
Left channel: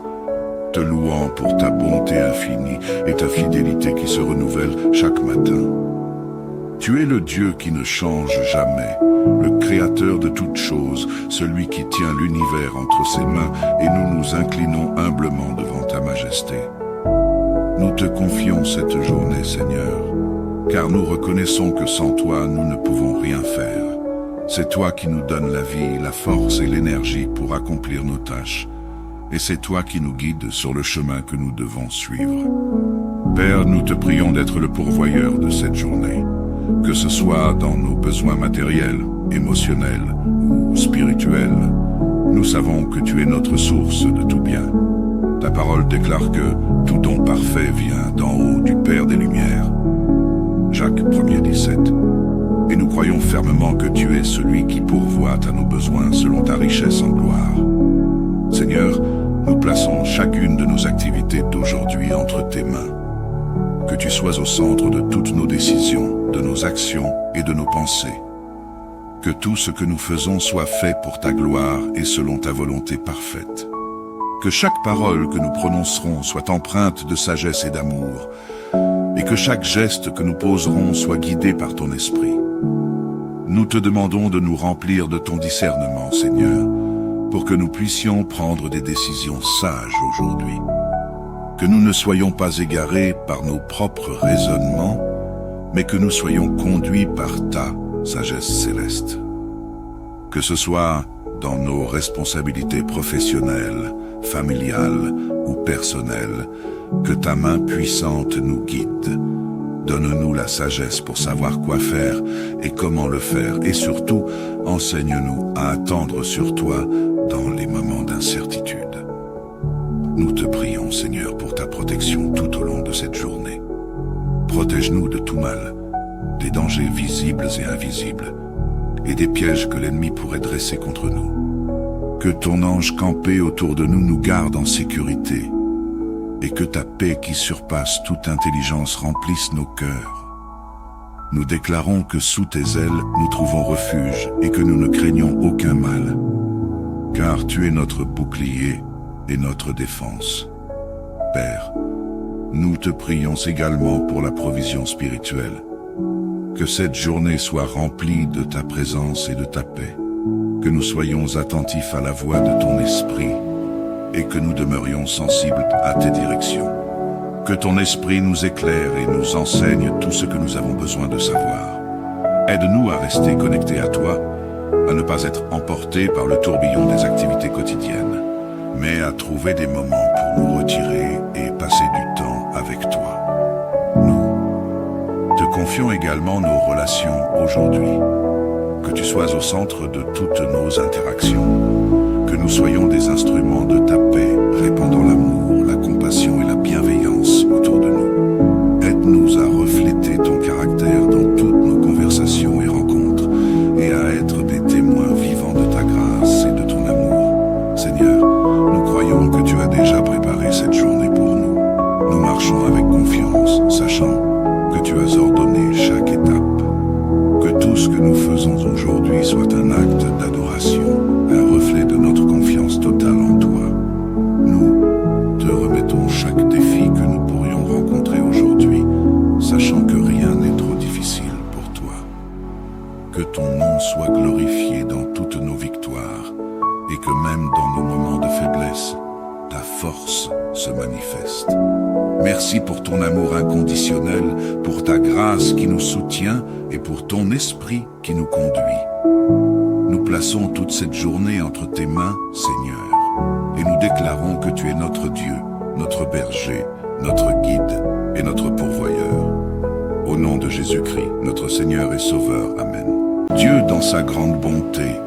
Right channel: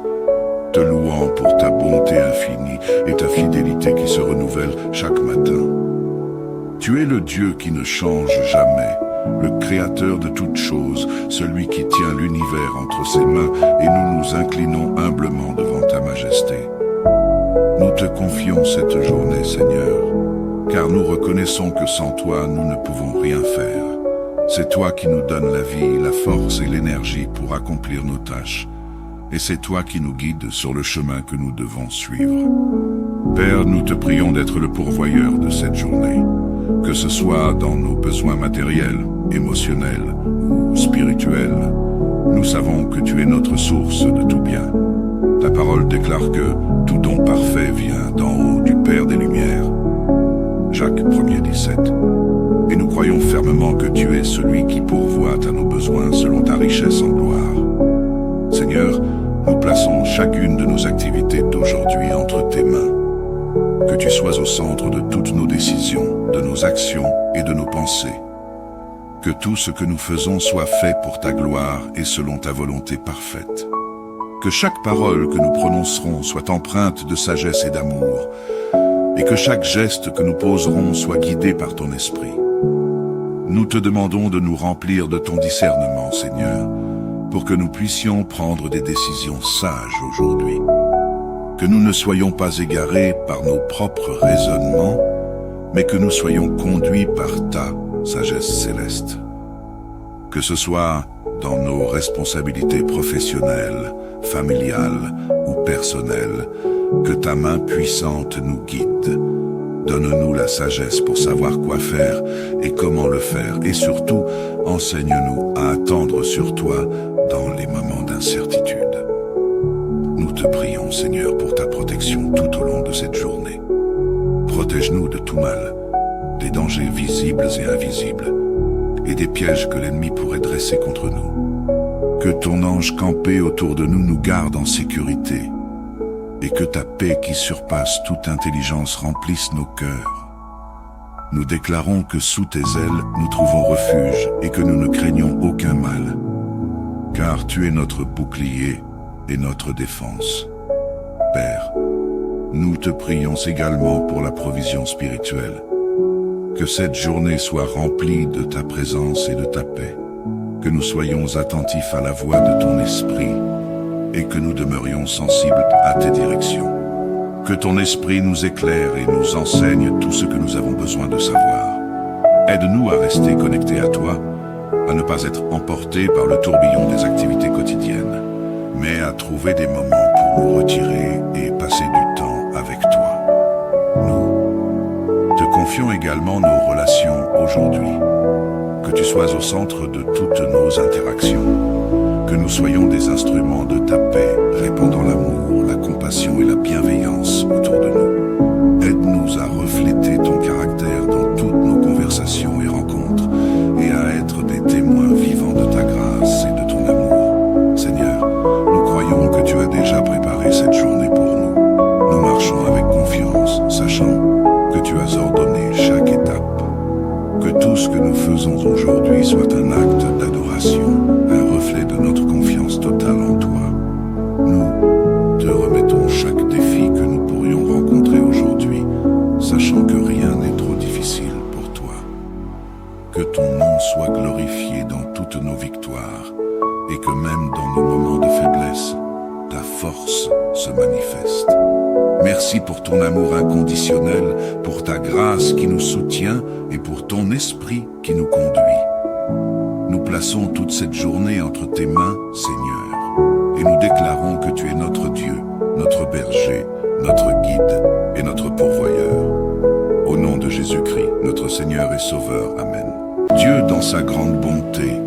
te louant pour ta bonté infinie et ta fidélité qui se renouvelle chaque matin. Tu es le Dieu qui ne change jamais, le Créateur de toutes choses, celui qui tient l'univers entre ses mains, et nous nous inclinons humblement devant ta majesté. Nous te confions cette journée, Seigneur, car nous reconnaissons que sans toi, nous ne pouvons rien faire. C'est toi qui nous donnes la vie, la force et l'énergie pour accomplir nos tâches, et c'est toi qui nous guides sur le chemin que nous devons suivre. Père, nous te prions d'être le pourvoyeur de cette journée, que ce soit dans nos besoins matériels, émotionnels ou spirituels. Nous savons que tu es notre source de tout bien. Ta parole déclare que tout don parfait vient d'en haut du Père des Lumières. Jacques 1:17. Et nous croyons fermement que tu es celui qui pourvoit à nos besoins selon ta richesse en gloire. Seigneur, nous plaçons chacune de nos activités d'aujourd'hui entre tes mains. Que tu sois au centre de toutes nos décisions, de nos actions et de nos pensées. Que tout ce que nous faisons soit fait pour ta gloire et selon ta volonté parfaite. Que chaque parole que nous prononcerons soit empreinte de sagesse et d'amour, et que chaque geste que nous poserons soit guidé par ton esprit. Nous te demandons de nous remplir de ton discernement, Seigneur, pour que nous puissions prendre des décisions sages aujourd'hui. Que nous ne soyons pas égarés par nos propres raisonnements, mais que nous soyons conduits par ta sagesse céleste. Que ce soit dans nos responsabilités professionnelles, familiales ou personnelles, que ta main puissante nous guide. Donne-nous la sagesse pour savoir quoi faire et comment le faire, et surtout, enseigne-nous à attendre sur toi dans les moments d'incertitude. Nous te prions, Seigneur, pour ta protection tout au long de cette journée. Protège-nous de tout mal, des dangers visibles et invisibles, et des pièges que l'ennemi pourrait dresser contre nous. Que ton ange campé autour de nous nous garde en sécurité, et que ta paix qui surpasse toute intelligence remplisse nos cœurs. Nous déclarons que sous tes ailes nous trouvons refuge et que nous ne craignons aucun mal, car tu es notre bouclier et notre défense. Père, nous te prions également pour la provision spirituelle. Que cette journée soit remplie de ta présence et de ta paix, que nous soyons attentifs à la voix de ton esprit et que nous demeurions sensibles à tes directions. Que ton esprit nous éclaire et nous enseigne tout ce que nous avons besoin de savoir. Aide-nous à rester connectés à toi, à ne pas être emportés par le tourbillon des activités quotidiennes, mais à trouver des moments pour nous retirer et passer du temps avec toi. Nous te confions également nos relations aujourd'hui. Que tu sois au centre de toutes nos interactions. Que nous soyons des instruments de ta paix, répandant l'amour, la compassion et la bienveillance autour de nous. Aide-nous à refléter ton caractère dans toutes nos conversations et rencontres, et à être des témoins vivants de ta grâce et de ton amour. Seigneur, nous croyons que tu as déjà préparé cette journée pour nous. Nous marchons avec confiance, sachant que tu as ordonné chaque étape. Que tout ce que nous faisons aujourd'hui soit un acte d'adoration, un reflet de notre confiance totale en toi. Nous te remettons chaque défi que nous pourrions rencontrer aujourd'hui, sachant que rien n'est trop difficile pour toi. Que ton nom soit glorifié dans toutes nos victoires, et que même dans nos moments de faiblesse, ta force se manifeste. Merci pour ton amour inconditionnel, pour ta grâce qui nous soutient et pour ton esprit qui nous conduit. Nous plaçons toute cette journée entre tes mains, Seigneur, et nous déclarons que tu es notre Dieu, notre berger, notre guide et notre pourvoyeur. Au nom de Jésus-Christ, notre Seigneur et Sauveur. Amen. Dieu, dans sa grande bonté,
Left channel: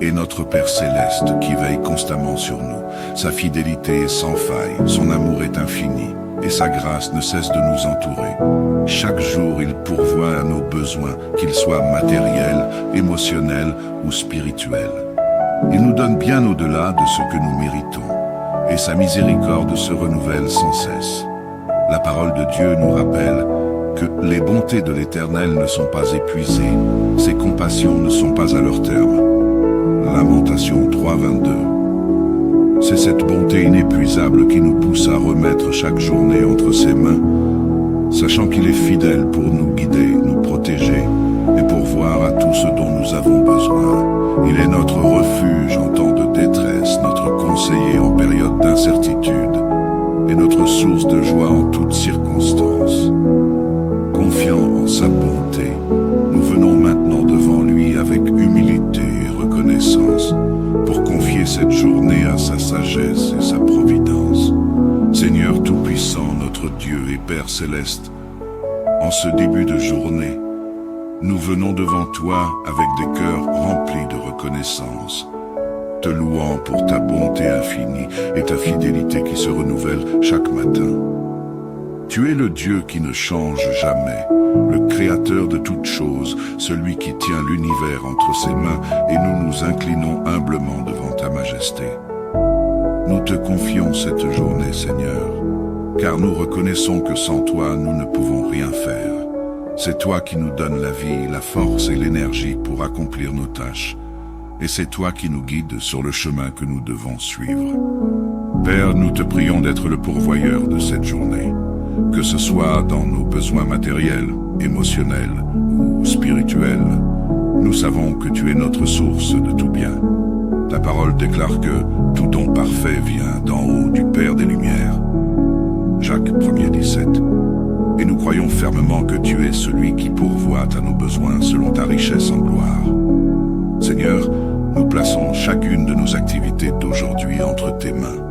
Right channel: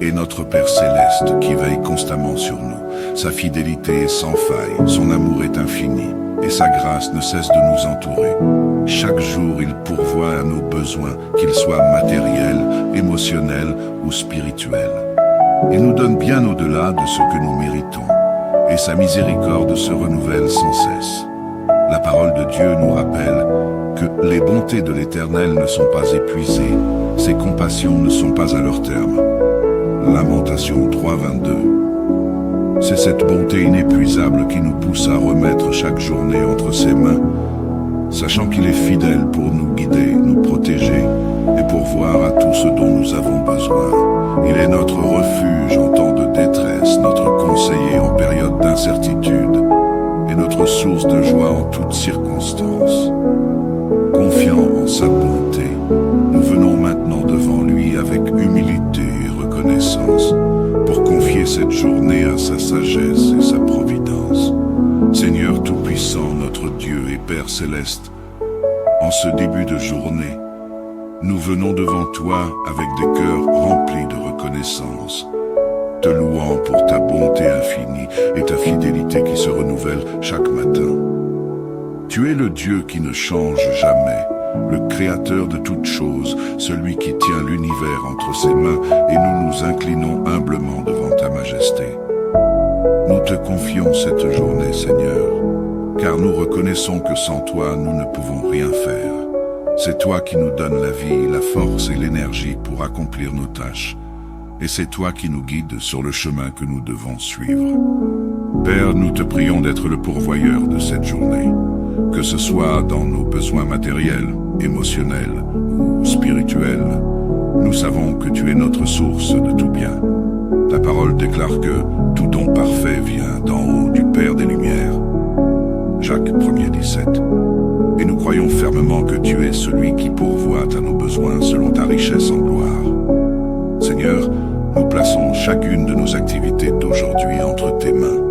est notre Père céleste qui veille constamment sur nous. Sa fidélité est sans faille, son amour est infini, et sa grâce ne cesse de nous entourer. Chaque jour, il pourvoit à nos besoins, qu'ils soient matériels, émotionnels ou spirituels. Il nous donne bien au-delà de ce que nous méritons, et sa miséricorde se renouvelle sans cesse. La parole de Dieu nous rappelle que les bontés de l'Éternel ne sont pas épuisées, ses compassions ne sont pas à leur terme. Lamentation 3:22. C'est cette bonté inépuisable qui nous pousse à remettre chaque journée entre ses mains, sachant qu'il est fidèle pour nous guider, nous protéger et pourvoir à tout ce dont nous avons besoin. Il est notre refuge en temps de détresse, notre conseiller en période d'incertitude et notre source de joie en toutes circonstances. Confiant en sa bonté, nous venons maintenant devant lui avec humilité et reconnaissance pour confier cette journée à sa sagesse et sa providence. Seigneur Tout-Puissant, notre Dieu et Père Céleste, en ce début de journée, nous venons devant toi avec des cœurs remplis de reconnaissance, te louant pour ta bonté infinie et ta fidélité qui se renouvelle chaque matin. Tu es le Dieu qui ne change jamais, le Créateur de toutes choses, celui qui tient l'univers entre ses mains, et nous nous inclinons humblement devant ta majesté. Nous te confions cette journée, Seigneur, car nous reconnaissons que sans toi, nous ne pouvons rien faire. C'est toi qui nous donnes la vie, la force et l'énergie pour accomplir nos tâches, et c'est toi qui nous guides sur le chemin que nous devons suivre. Père, nous te prions d'être le pourvoyeur de cette journée, que ce soit dans nos besoins matériels, émotionnels ou spirituels. Nous savons que tu es notre source de tout bien. Ta parole déclare que tout don parfait vient d'en haut du Père des Lumières. Jacques 1er 17. Et nous croyons fermement que tu es celui qui pourvoit à nos besoins selon ta richesse en gloire. Seigneur, nous plaçons chacune de nos activités d'aujourd'hui entre tes mains.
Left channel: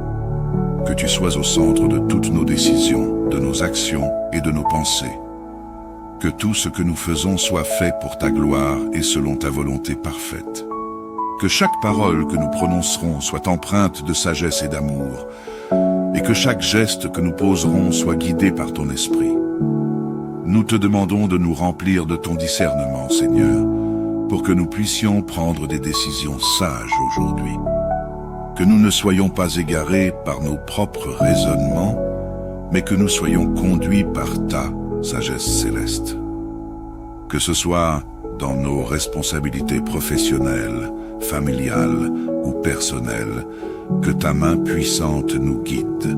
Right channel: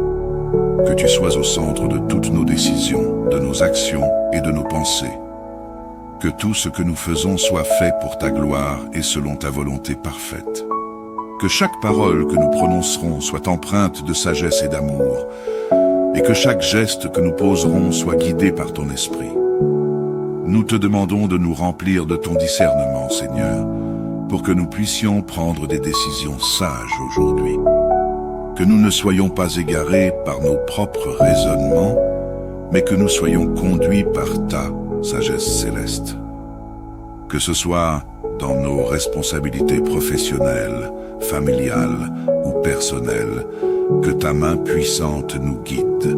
Que tu sois au centre de toutes nos décisions, de nos actions et de nos pensées. Que tout ce que nous faisons soit fait pour ta gloire et selon ta volonté parfaite. Que chaque parole que nous prononcerons soit empreinte de sagesse et d'amour, et que chaque geste que nous poserons soit guidé par ton esprit. Nous te demandons de nous remplir de ton discernement, Seigneur, pour que nous puissions prendre des décisions sages aujourd'hui. Que nous ne soyons pas égarés par nos propres raisonnements, mais que nous soyons conduits par ta sagesse céleste. Que ce soit dans nos responsabilités professionnelles, familiales ou personnelles, que ta main puissante nous guide.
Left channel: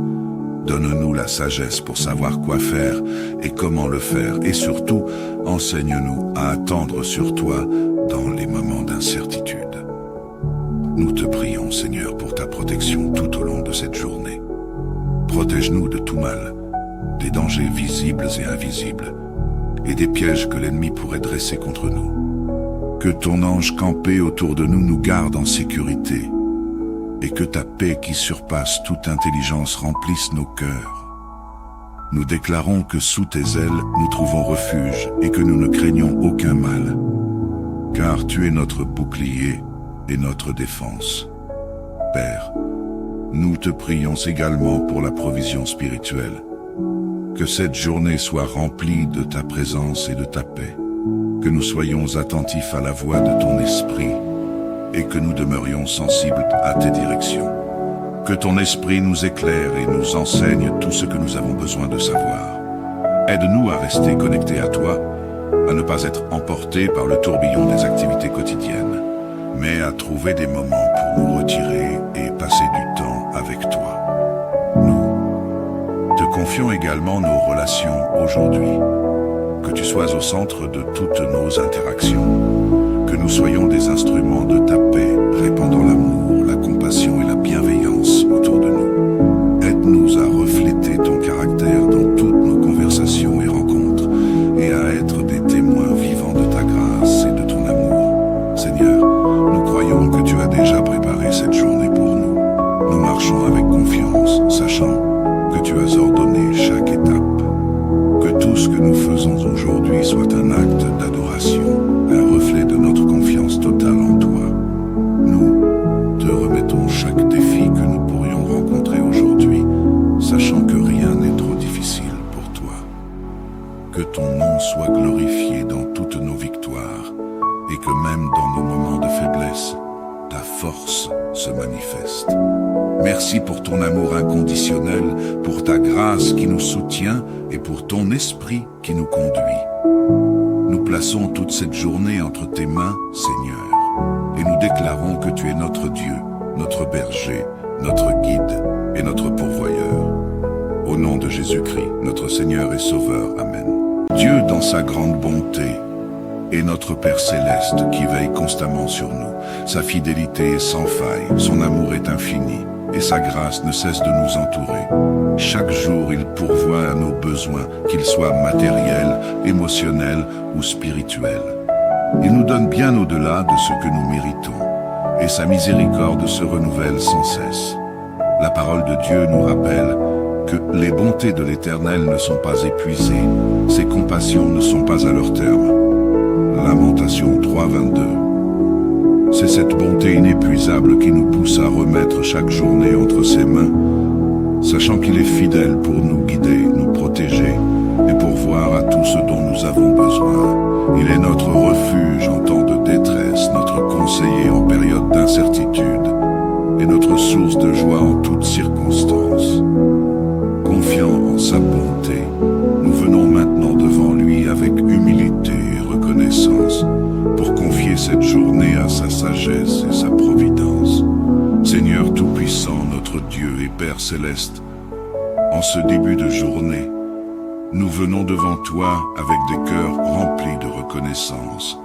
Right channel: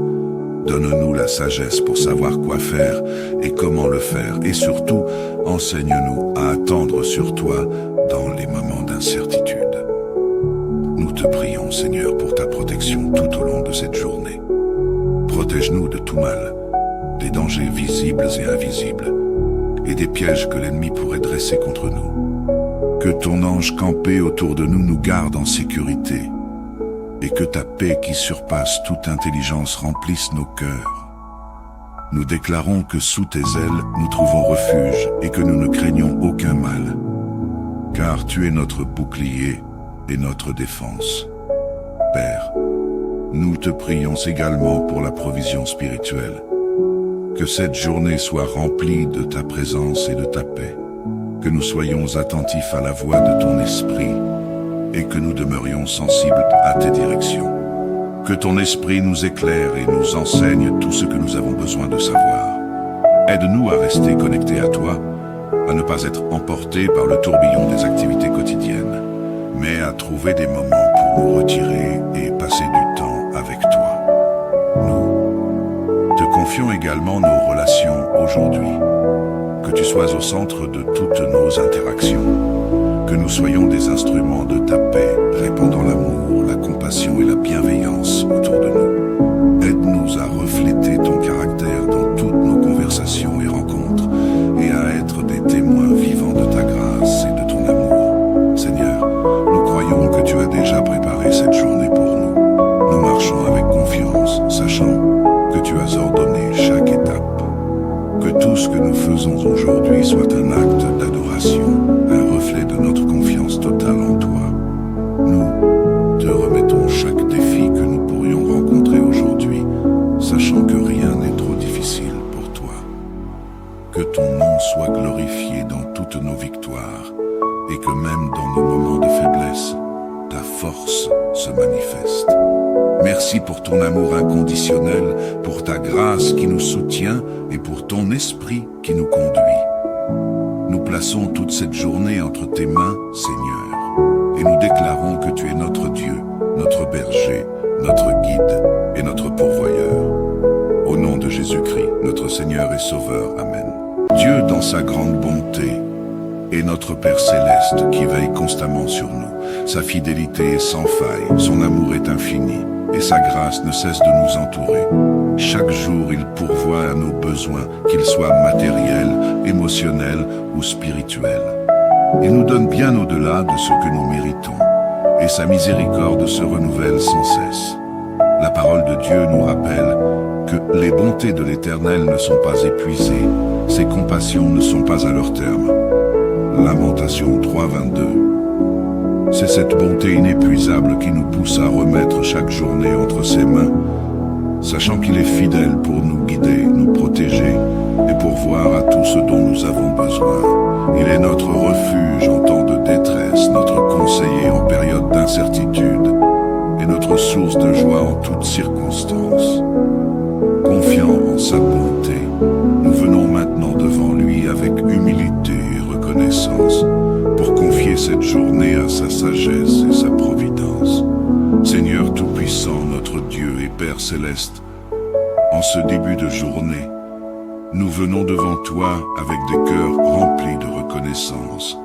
Donne-nous la sagesse pour savoir quoi faire et comment le faire, et surtout, enseigne-nous à attendre sur toi dans les moments d'incertitude. Nous te prions, Seigneur, pour ta protection tout au long de cette journée. Protège-nous de tout mal, des dangers visibles et invisibles, et des pièges que l'ennemi pourrait dresser contre nous. Que ton ange campé autour de nous nous garde en sécurité, et que ta paix qui surpasse toute intelligence remplisse nos cœurs. Nous déclarons que sous tes ailes nous trouvons refuge et que nous ne craignons aucun mal, car tu es notre bouclier et notre défense. Père, nous te prions également pour la provision spirituelle. Que cette journée soit remplie de ta présence et de ta paix, que nous soyons attentifs à la voix de ton esprit et que nous demeurions sensibles à tes directions. Que ton esprit nous éclaire et nous enseigne tout ce que nous avons besoin de savoir. Aide-nous à rester connectés à toi, à ne pas être emportés par le tourbillon des activités quotidiennes, mais à trouver des moments pour nous retirer et passer du temps avec toi. Nous te confions également nos relations aujourd'hui. Que tu sois au centre de toutes nos interactions. Que nous soyons des instruments de ta paix, répandant l'amour, la compassion et la bienveillance autour de nous. Aide-nous à refléter ton caractère dans toutes nos conversations et rencontres, et à être des témoins vivants de ta grâce et de ton amour. Seigneur, nous croyons que tu as déjà préparé cette journée pour nous. Nous marchons avec confiance, sachant que tu as ordonné chaque étape. Que tout ce que nous faisons aujourd'hui soit un acte d'adoration, un reflet de notre confiance totale en toi. Nous te remettons chaque défi que nous pourrions rencontrer aujourd'hui, sachant que rien n'est trop difficile pour toi. Que ton nom soit glorifié dans toutes nos victoires, et que même dans nos moments de faiblesse, ta force se manifeste. Merci pour ton amour inconditionnel, pour ta grâce qui nous soutient et pour ton esprit qui nous conduit. Nous plaçons toute cette journée entre tes mains, Seigneur, et nous déclarons que tu es notre Dieu, notre berger, notre guide et notre pourvoyeur. Au nom de Jésus-Christ, notre Seigneur et Sauveur. Amen. Dieu, dans sa grande bonté, est notre Père céleste qui veille constamment sur nous. Sa fidélité est sans faille, son amour est infini, et sa grâce ne cesse de nous entourer. Chaque jour, il pourvoit à nos besoins, qu'ils soient matériels, émotionnels ou spirituels. Il nous donne bien au-delà de ce que nous méritons, et sa miséricorde se renouvelle sans cesse. La parole de Dieu nous rappelle que les bontés de l'Éternel ne sont pas épuisées, ses compassions ne sont pas à leur terme. Lamentation 3:22. C'est cette bonté inépuisable qui nous pousse à remettre chaque journée entre ses mains, sachant qu'il est fidèle pour nous guider, nous protéger et pourvoir à tout ce dont nous avons besoin. Il est notre refuge en temps de détresse, notre conseiller en période d'incertitude et notre source de joie en toutes circonstances. Confiant en sa bonté, nous venons maintenant devant lui avec humilité et reconnaissance pour confier cette journée à sa sagesse et sa providence. Seigneur Tout-Puissant, notre Dieu et Père Céleste, en ce début de journée, nous venons devant toi avec des cœurs remplis de reconnaissance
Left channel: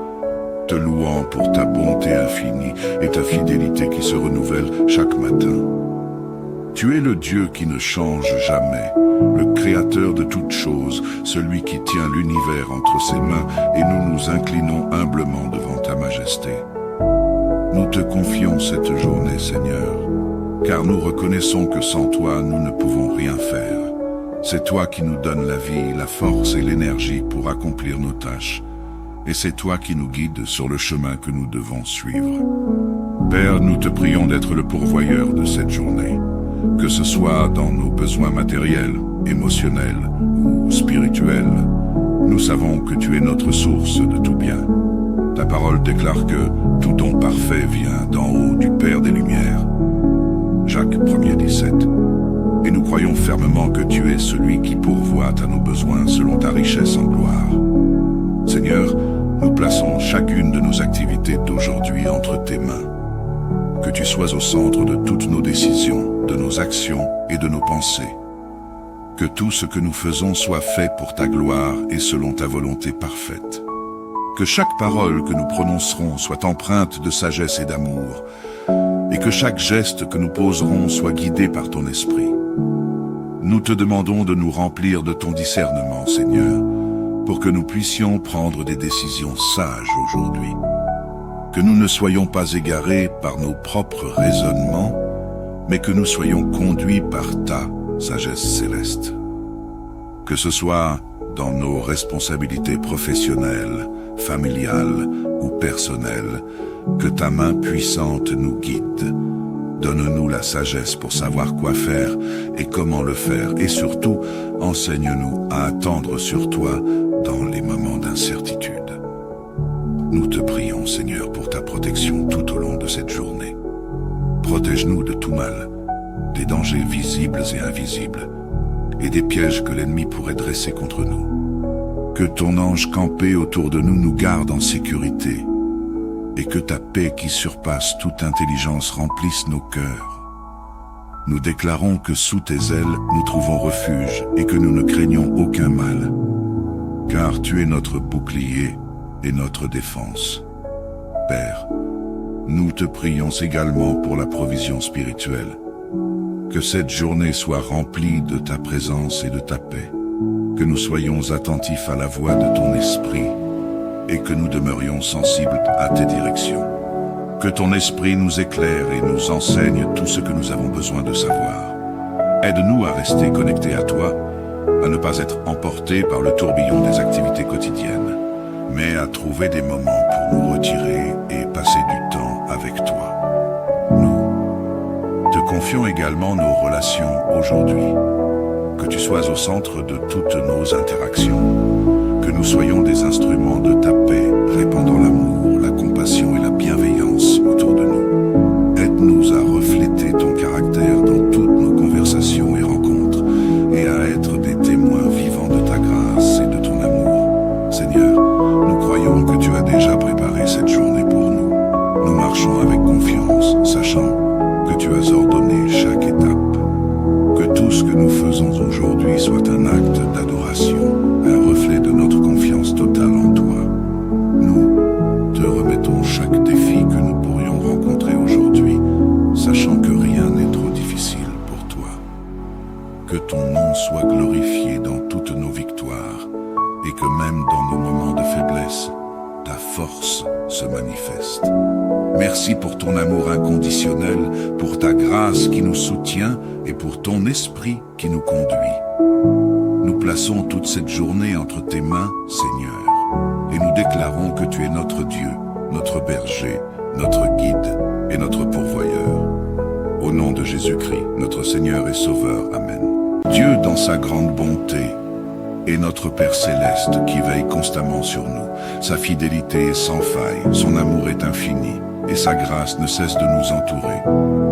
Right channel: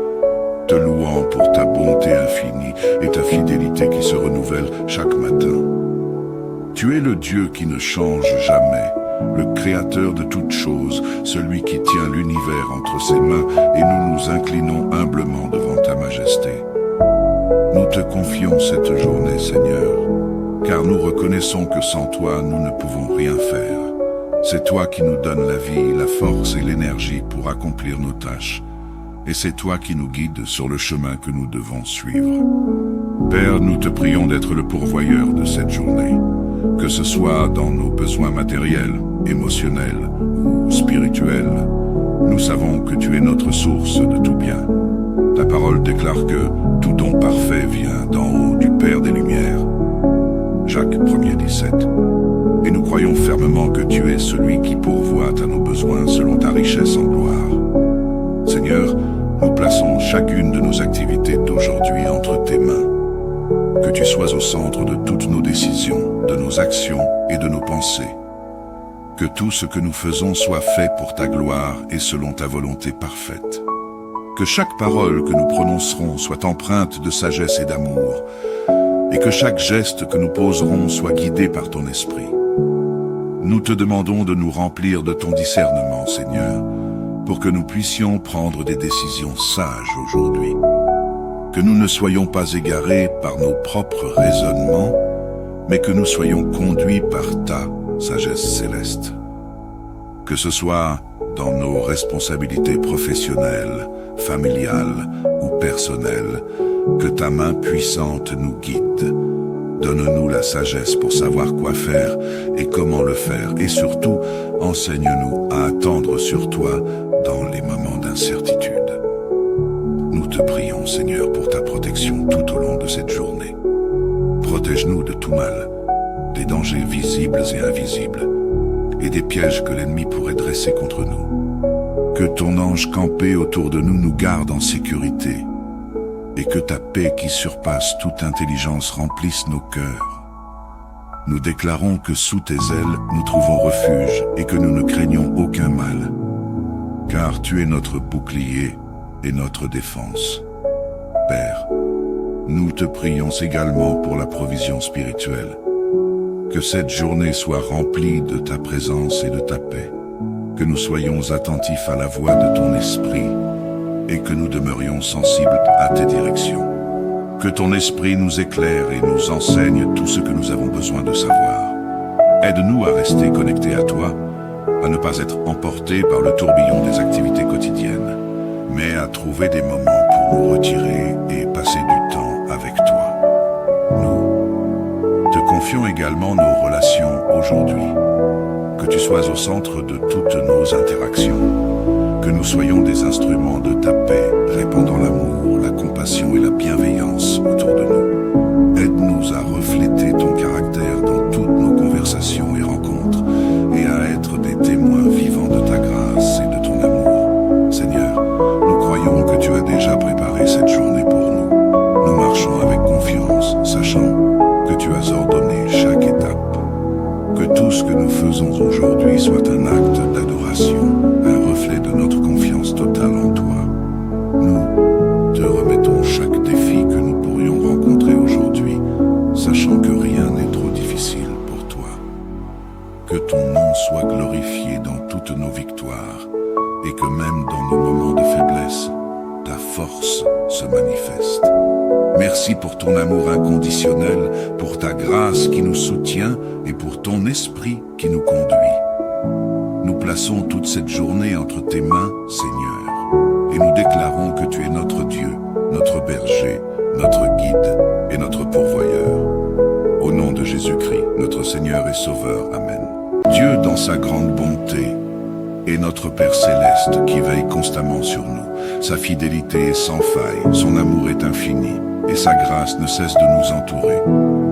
te louant pour ta bonté infinie et ta fidélité qui se renouvelle chaque matin. Tu es le Dieu qui ne change jamais, le Créateur de toutes choses, celui qui tient l'univers entre ses mains, et nous nous inclinons humblement devant ta majesté. Nous te confions cette journée, Seigneur, car nous reconnaissons que sans toi, nous ne pouvons rien faire. C'est toi qui nous donnes la vie, la force et l'énergie pour accomplir nos tâches. Et c'est toi qui nous guides sur le chemin que nous devons suivre. Père, nous te prions d'être le pourvoyeur de cette journée, que ce soit dans nos besoins matériels, émotionnels ou spirituels. Nous savons que tu es notre source de tout bien. Ta parole déclare que tout don parfait vient d'en haut du Père des Lumières. Jacques 1er 17. Et nous croyons fermement que tu es celui qui pourvoit à nos besoins selon ta richesse en gloire. Seigneur, nous plaçons chacune de nos activités d'aujourd'hui entre tes mains. Que tu sois au centre de toutes nos décisions, de nos actions et de nos pensées. Que tout ce que nous faisons soit fait pour ta gloire et selon ta volonté parfaite. Que chaque parole que nous prononcerons soit empreinte de sagesse et d'amour, et que chaque geste que nous poserons soit guidé par ton esprit. Nous te demandons de nous remplir de ton discernement, Seigneur, pour que nous puissions prendre des décisions sages aujourd'hui. Que nous ne soyons pas égarés par nos propres raisonnements, mais que nous soyons conduits par ta sagesse céleste. Que ce soit dans nos responsabilités professionnelles, familiales ou personnelles, que ta main puissante nous guide. Donne-nous la sagesse pour savoir quoi faire et comment le faire, et surtout, enseigne-nous à attendre sur toi dans les moments d'incertitude. Nous te prions, Seigneur, pour ta protection tout au long de cette journée. Protège-nous de tout mal, des dangers visibles et invisibles, et des pièges que l'ennemi pourrait dresser contre nous. Que ton ange campé autour de nous nous garde en sécurité, et que ta paix qui surpasse toute intelligence remplisse nos cœurs. Nous déclarons que sous tes ailes nous trouvons refuge et que nous ne craignons aucun mal, car tu es notre bouclier et notre défense. Père, nous te prions également pour la provision spirituelle. Que cette journée soit remplie de ta présence et de ta paix, que nous soyons attentifs à la voix de ton esprit et que nous demeurions sensibles à tes directions. Que ton esprit nous éclaire et nous enseigne tout ce que nous avons besoin de savoir. Aide-nous à rester connectés à toi, à ne pas être emportés par le tourbillon des activités quotidiennes, mais à trouver des moments pour nous retirer et passer du temps avec toi. Nous te confions également nos relations aujourd'hui. Que tu sois au centre de toutes nos interactions. Que nous soyons des instruments de ta paix, répandant l'amour, la compassion et la bienveillance autour de nous. Aide-nous à refléter ton caractère dans toutes nos conversations et rencontres, et à être des témoins vivants de ta grâce et de ton amour. Seigneur, nous croyons que tu as déjà préparé cette journée pour nous. Nous marchons avec confiance, sachant que tu as ordonné chaque étape. Que tout ce que nous faisons aujourd'hui soit un acte d'adoration, un reflet de notre confiance totale en toi. Nous te remettons chaque défi que nous pourrions rencontrer aujourd'hui, sachant que rien n'est trop difficile pour toi. Que ton nom soit glorifié dans toutes nos victoires, et que même dans nos moments de faiblesse, ta force se manifeste. Merci pour ton amour inconditionnel, pour ta grâce qui nous soutient et pour ton esprit qui nous conduit. Nous plaçons toute cette journée entre tes mains, Seigneur, et nous déclarons que tu es notre Dieu, notre berger, notre guide et notre pourvoyeur. Au nom de Jésus-Christ, notre Seigneur et Sauveur. Amen. Dieu, dans sa grande bonté, est notre Père céleste qui veille constamment sur nous. Sa fidélité est sans faille, son amour est infini, et sa grâce ne cesse de nous entourer.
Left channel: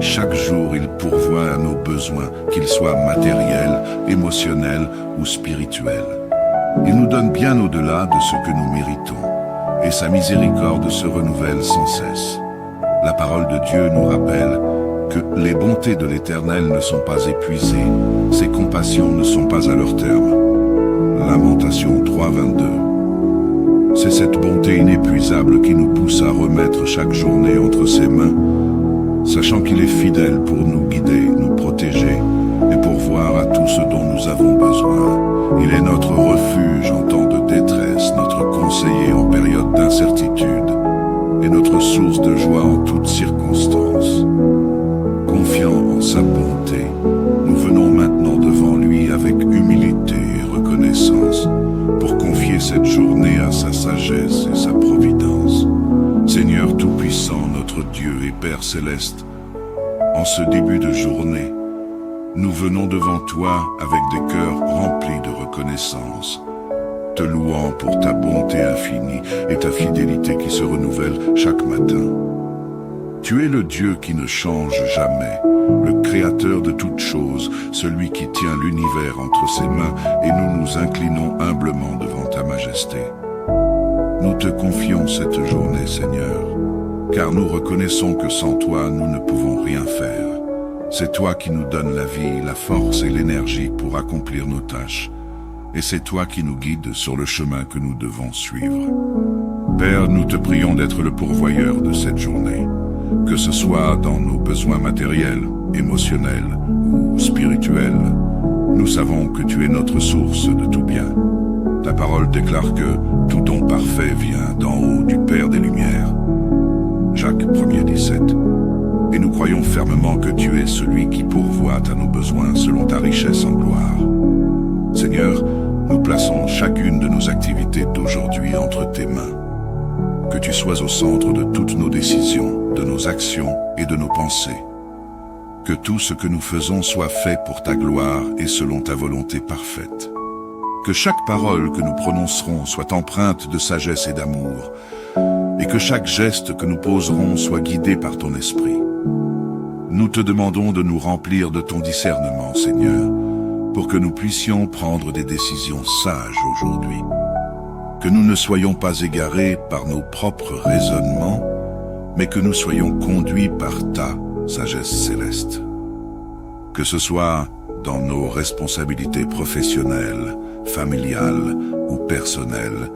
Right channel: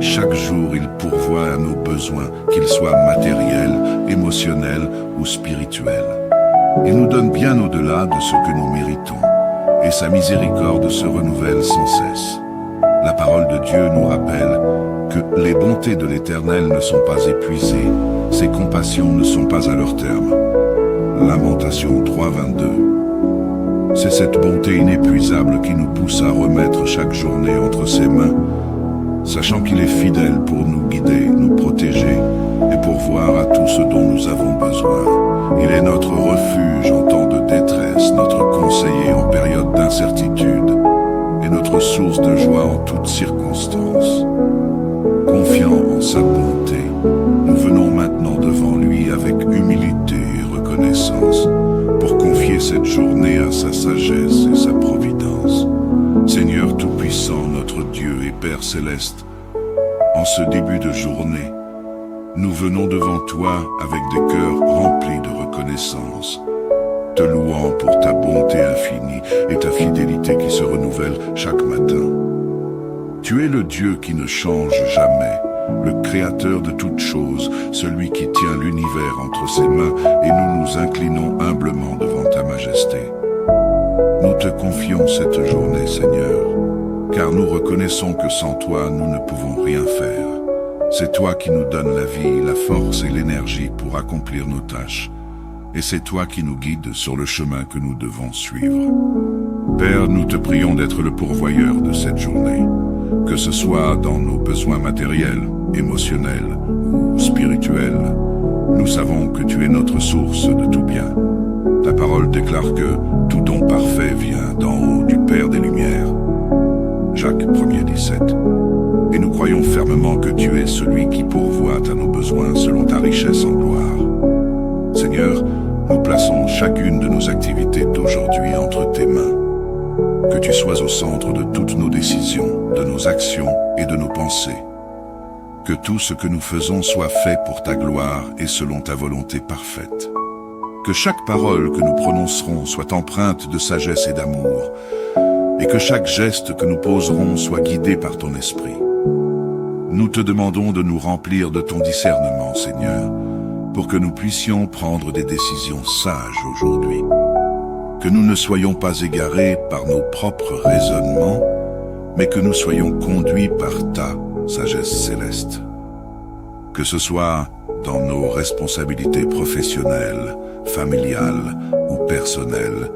Chaque jour, il pourvoit à nos besoins, qu'ils soient matériels, émotionnels ou spirituels. Il nous donne bien au-delà de ce que nous méritons, et sa miséricorde se renouvelle sans cesse. La parole de Dieu nous rappelle que les bontés de l'Éternel ne sont pas épuisées, ses compassions ne sont pas à leur terme. Lamentation 3, 22. C'est cette bonté inépuisable qui nous pousse à remettre chaque journée entre ses mains, sachant qu'il est fidèle pour nous guider, nous protéger et pourvoir à tout ce dont nous avons besoin. Il est notre refuge en temps de détresse, notre conseiller en période d'incertitude et notre source de joie en toutes circonstances. Confiant en sa bonté, nous venons maintenant devant lui avec humilité et reconnaissance pour confier cette journée à sa sagesse et sa providence. Seigneur Tout-Puissant, notre Dieu et Père Céleste, en ce début de journée, nous venons devant toi avec des cœurs remplis de reconnaissance, te louant pour ta bonté infinie et ta fidélité qui se renouvelle chaque matin. Tu es le Dieu qui ne change jamais, le Créateur de toutes choses, celui qui tient l'univers entre ses mains, et nous nous inclinons humblement devant ta majesté. Nous te confions cette journée, Seigneur, car nous reconnaissons que sans toi, nous ne pouvons rien faire. C'est toi qui nous donnes la vie, la force et l'énergie pour accomplir nos tâches, et c'est toi qui nous guides sur le chemin que nous devons suivre. Père, nous te prions d'être le pourvoyeur de cette journée, que ce soit dans nos besoins matériels, émotionnels ou spirituels. Nous savons que tu es notre source de tout bien. Ta parole déclare que tout don parfait vient d'en haut du Père des Lumières. Jacques 1er 17. Et nous croyons fermement que tu es celui qui pourvoit à nos besoins selon ta richesse en gloire. Seigneur, nous plaçons chacune de nos activités d'aujourd'hui entre tes mains. Que tu sois au centre de toutes nos décisions, de nos actions et de nos pensées. Que tout ce que nous faisons soit fait pour ta gloire et selon ta volonté parfaite. Que chaque parole que nous prononcerons soit empreinte de sagesse et d'amour, et que chaque geste que nous poserons soit guidé par ton esprit. Nous te demandons de nous remplir de ton discernement, Seigneur, pour que nous puissions prendre des décisions sages aujourd'hui. Que nous ne soyons pas égarés par nos propres raisonnements, mais que nous soyons conduits par ta sagesse céleste. Que ce soit dans nos responsabilités professionnelles, familiales ou personnelles,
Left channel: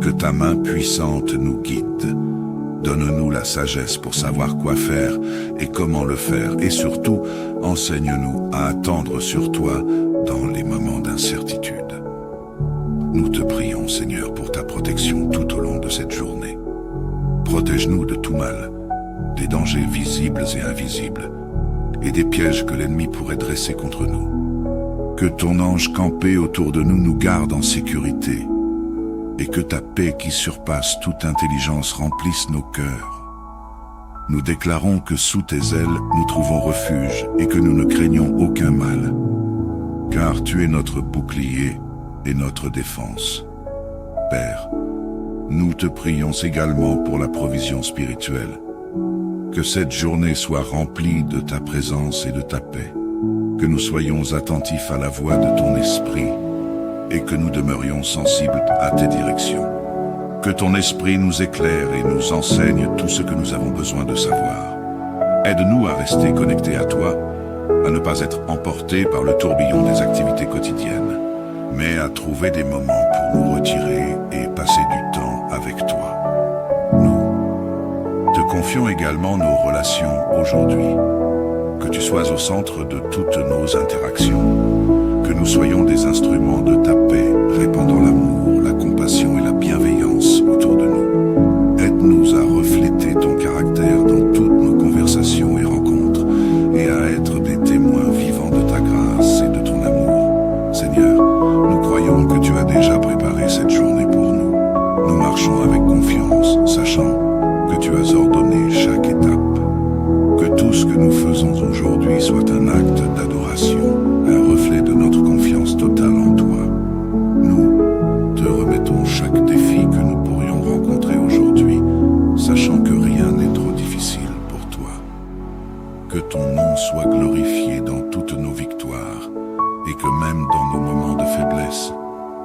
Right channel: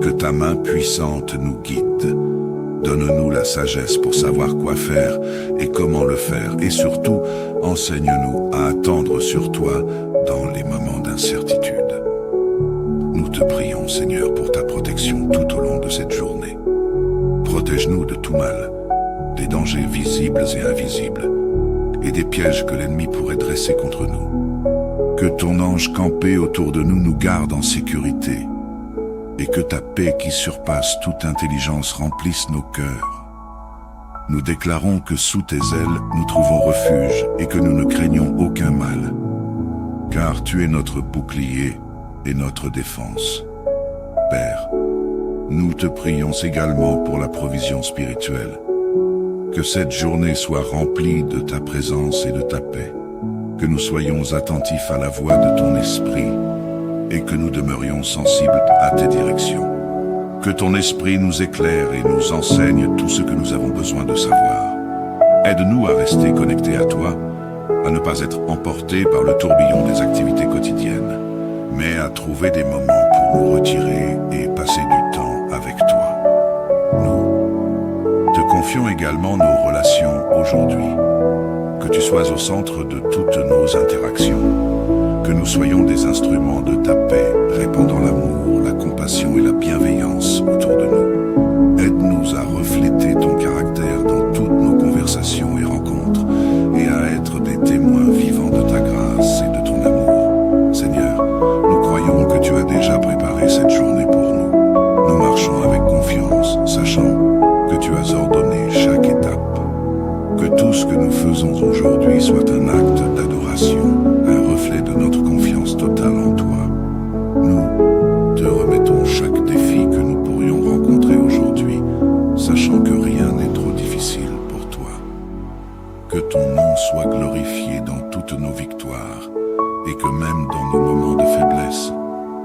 que ta main puissante nous guide. Donne-nous la sagesse pour savoir quoi faire et comment le faire, et surtout, enseigne-nous à attendre sur toi dans les moments d'incertitude. Nous te prions, Seigneur, pour ta protection tout au long de cette journée. Protège-nous de tout mal, des dangers visibles et invisibles, et des pièges que l'ennemi pourrait dresser contre nous. Que ton ange campé autour de nous nous garde en sécurité, et que ta paix qui surpasse toute intelligence remplisse nos cœurs. Nous déclarons que sous tes ailes nous trouvons refuge et que nous ne craignons aucun mal, car tu es notre bouclier et notre défense. Père, nous te prions également pour la provision spirituelle. Que cette journée soit remplie de ta présence et de ta paix, que nous soyons attentifs à la voix de ton esprit et que nous demeurions sensibles à tes directions. Que ton esprit nous éclaire et nous enseigne tout ce que nous avons besoin de savoir. Aide-nous à rester connectés à toi, à ne pas être emportés par le tourbillon des activités quotidiennes, mais à trouver des moments pour nous retirer et passer du temps avec toi. Nous te confions également nos relations aujourd'hui. Que tu sois au centre de toutes nos interactions. Que nous soyons des instruments de ta paix, répandant l'amour, la compassion et la bienveillance autour de nous. Aide-nous à refléter ton caractère dans toutes nos conversations et rencontres, et à être des témoins vivants de ta grâce et de ton amour. Seigneur, nous croyons que tu as déjà préparé cette journée pour nous. Nous marchons avec confiance, sachant que tu as ordonné chaque étape. Que tout ce que nous faisons aujourd'hui soit un acte d'adoration, un reflet de notre confiance totale en toi. Nous te remettons chaque défi que nous pourrions rencontrer aujourd'hui, sachant que rien n'est trop difficile pour toi. Que ton nom soit glorifié dans toutes nos victoires, et que même dans nos moments de faiblesse,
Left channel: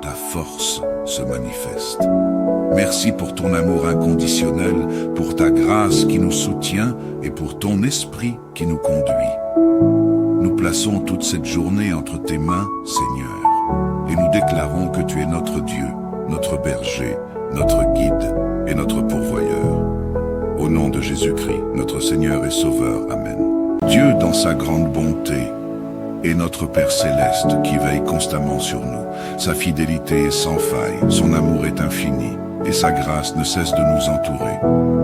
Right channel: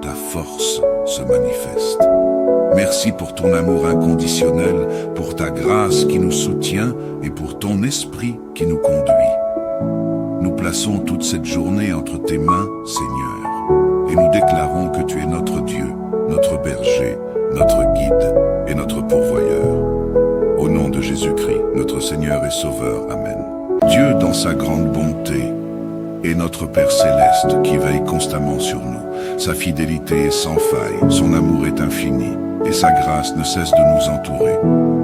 ta force se manifeste. Merci pour ton amour inconditionnel, pour ta grâce qui nous soutient et pour ton esprit qui nous conduit. Nous plaçons toute cette journée entre tes mains, Seigneur, et nous déclarons que tu es notre Dieu, notre berger, notre guide et notre pourvoyeur. Au nom de Jésus-Christ, notre Seigneur et Sauveur. Amen. Dieu, dans sa grande bonté, est notre Père céleste qui veille constamment sur nous. Sa fidélité est sans faille, son amour est infini, et sa grâce ne cesse de nous entourer.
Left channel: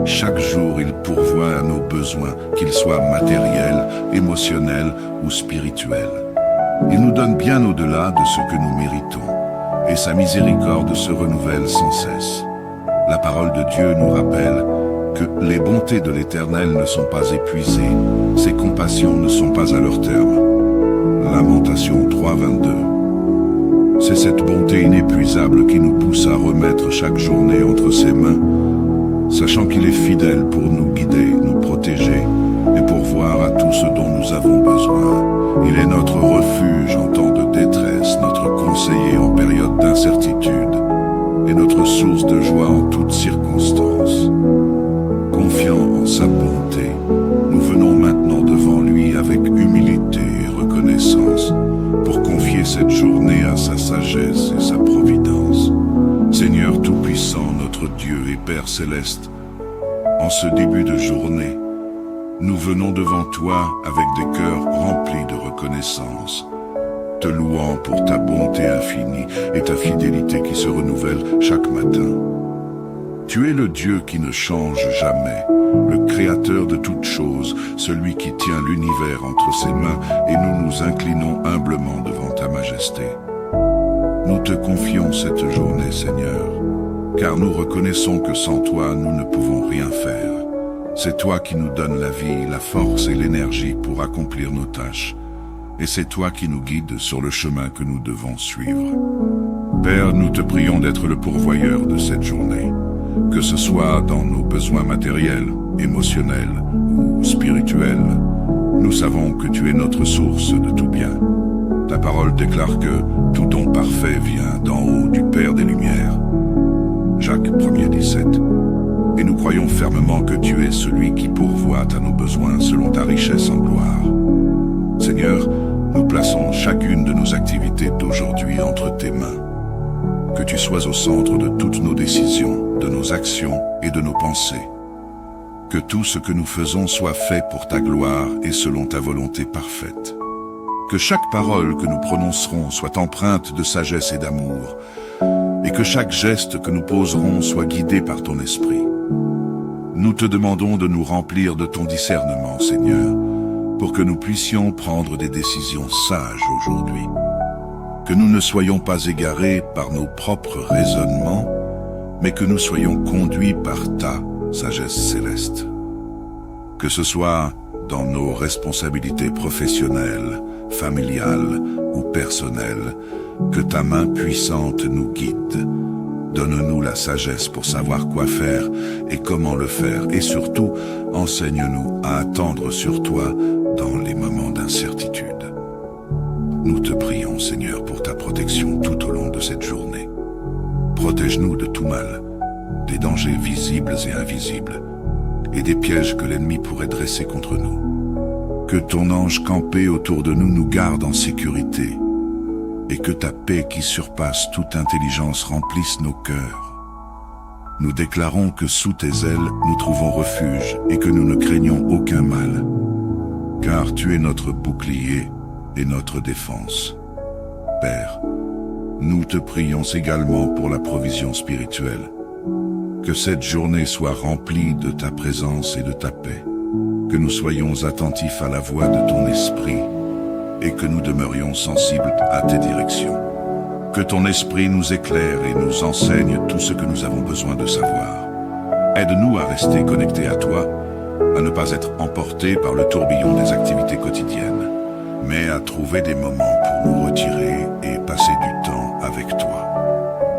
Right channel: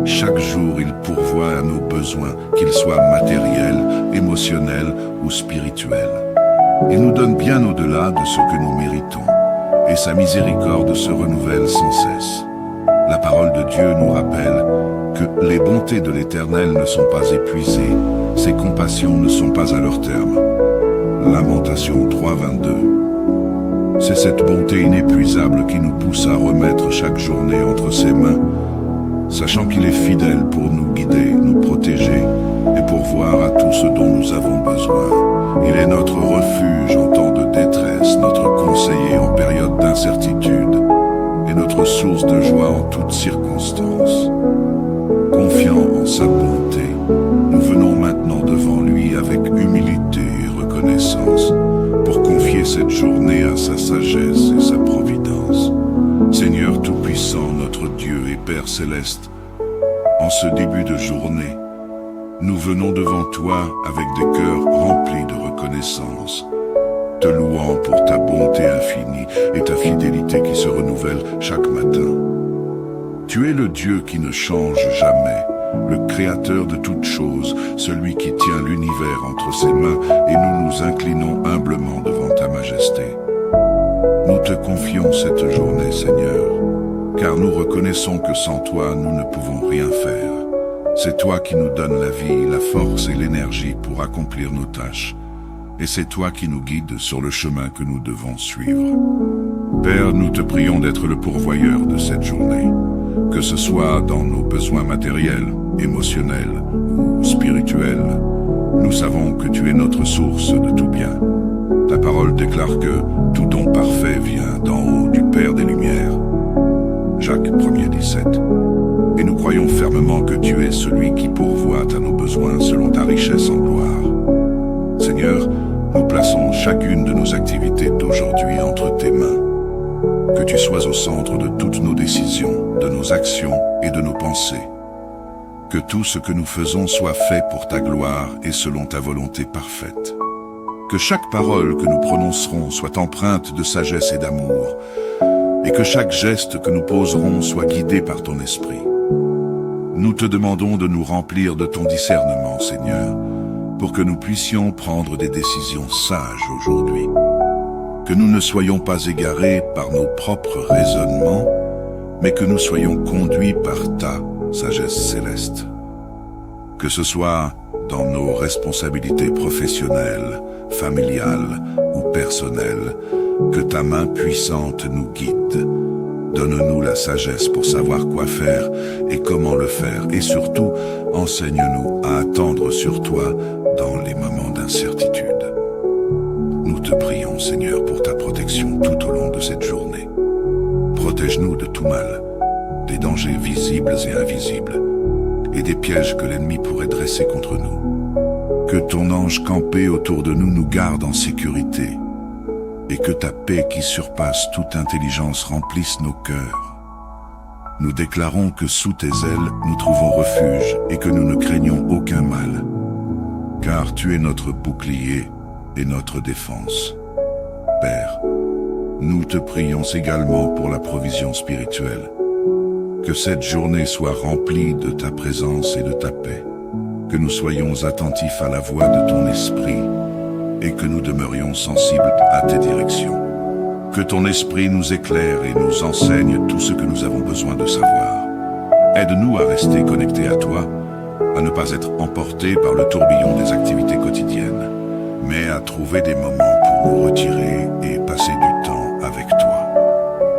Chaque jour, il pourvoit à nos besoins, qu'ils soient matériels, émotionnels ou spirituels. Il nous donne bien au-delà de ce que nous méritons, et sa miséricorde se renouvelle sans cesse. La parole de Dieu nous rappelle que les bontés de l'Éternel ne sont pas épuisées, ses compassions ne sont pas à leur terme. Lamentation 3:22. C'est cette bonté inépuisable qui nous pousse à remettre chaque journée entre ses mains, sachant qu'il est fidèle pour nous guider, nous protéger et pourvoir à tout ce dont nous avons besoin. Il est notre refuge en temps de détresse, notre conseiller en période d'incertitude et notre source de joie en toutes circonstances. Confiant en sa bonté, nous venons maintenant devant lui avec humilité et reconnaissance pour confier cette journée à sa sagesse et sa providence. Seigneur Tout-Puissant, notre Dieu et Père Céleste, en ce début de journée, nous venons devant toi avec des cœurs remplis de reconnaissance, te louant pour ta bonté infinie et ta fidélité qui se renouvelle chaque matin. Tu es le Dieu qui ne change jamais, le Créateur de toutes choses, celui qui tient l'univers entre ses mains, et nous nous inclinons humblement devant ta majesté. Nous te confions cette journée, Seigneur, car nous reconnaissons que sans toi, nous ne pouvons rien faire. C'est toi qui nous donnes la vie, la force et l'énergie pour accomplir nos tâches, et c'est toi qui nous guides sur le chemin que nous devons suivre. Père, nous te prions d'être le pourvoyeur de cette journée, que ce soit dans nos besoins matériels, émotionnels ou spirituels. Nous savons que tu es notre source de tout bien. Ta parole déclare que tout don parfait vient d'en haut du Père des Lumières. Jacques 1:17. Et nous croyons fermement que tu es celui qui pourvoit à nos besoins selon ta richesse en gloire. Seigneur, nous plaçons chacune de nos activités d'aujourd'hui entre tes mains. Que tu sois au centre de toutes nos décisions, de nos actions et de nos pensées. Que tout ce que nous faisons soit fait pour ta gloire et selon ta volonté parfaite. Que chaque parole que nous prononcerons soit empreinte de sagesse et d'amour, et que chaque geste que nous poserons soit guidé par ton esprit. Nous te demandons de nous remplir de ton discernement, Seigneur, pour que nous puissions prendre des décisions sages aujourd'hui. Que nous ne soyons pas égarés par nos propres raisonnements, mais que nous soyons conduits par ta sagesse céleste. Que ce soit dans nos responsabilités professionnelles, familiales ou personnelles, que ta main puissante nous guide. Donne-nous la sagesse pour savoir quoi faire et comment le faire, et surtout, enseigne-nous à attendre sur toi dans les moments d'incertitude. Nous te prions, Seigneur, pour ta protection tout au long de cette journée. Protège-nous de tout mal, des dangers visibles et invisibles, et des pièges que l'ennemi pourrait dresser contre nous. Que ton ange campé autour de nous nous garde en sécurité, et que ta paix qui surpasse toute intelligence remplisse nos cœurs. Nous déclarons que sous tes ailes nous trouvons refuge et que nous ne craignons aucun mal, car tu es notre bouclier et notre défense. Père, nous te prions également pour la provision spirituelle. Que cette journée soit remplie de ta présence et de ta paix, que nous soyons attentifs à la voix de ton esprit et que nous demeurions sensibles à tes directions. Que ton esprit nous éclaire et nous enseigne tout ce que nous avons besoin de savoir. Aide-nous à rester connectés à toi, à ne pas être emportés par le tourbillon des activités quotidiennes, mais à trouver des moments pour nous retirer et passer du temps avec toi.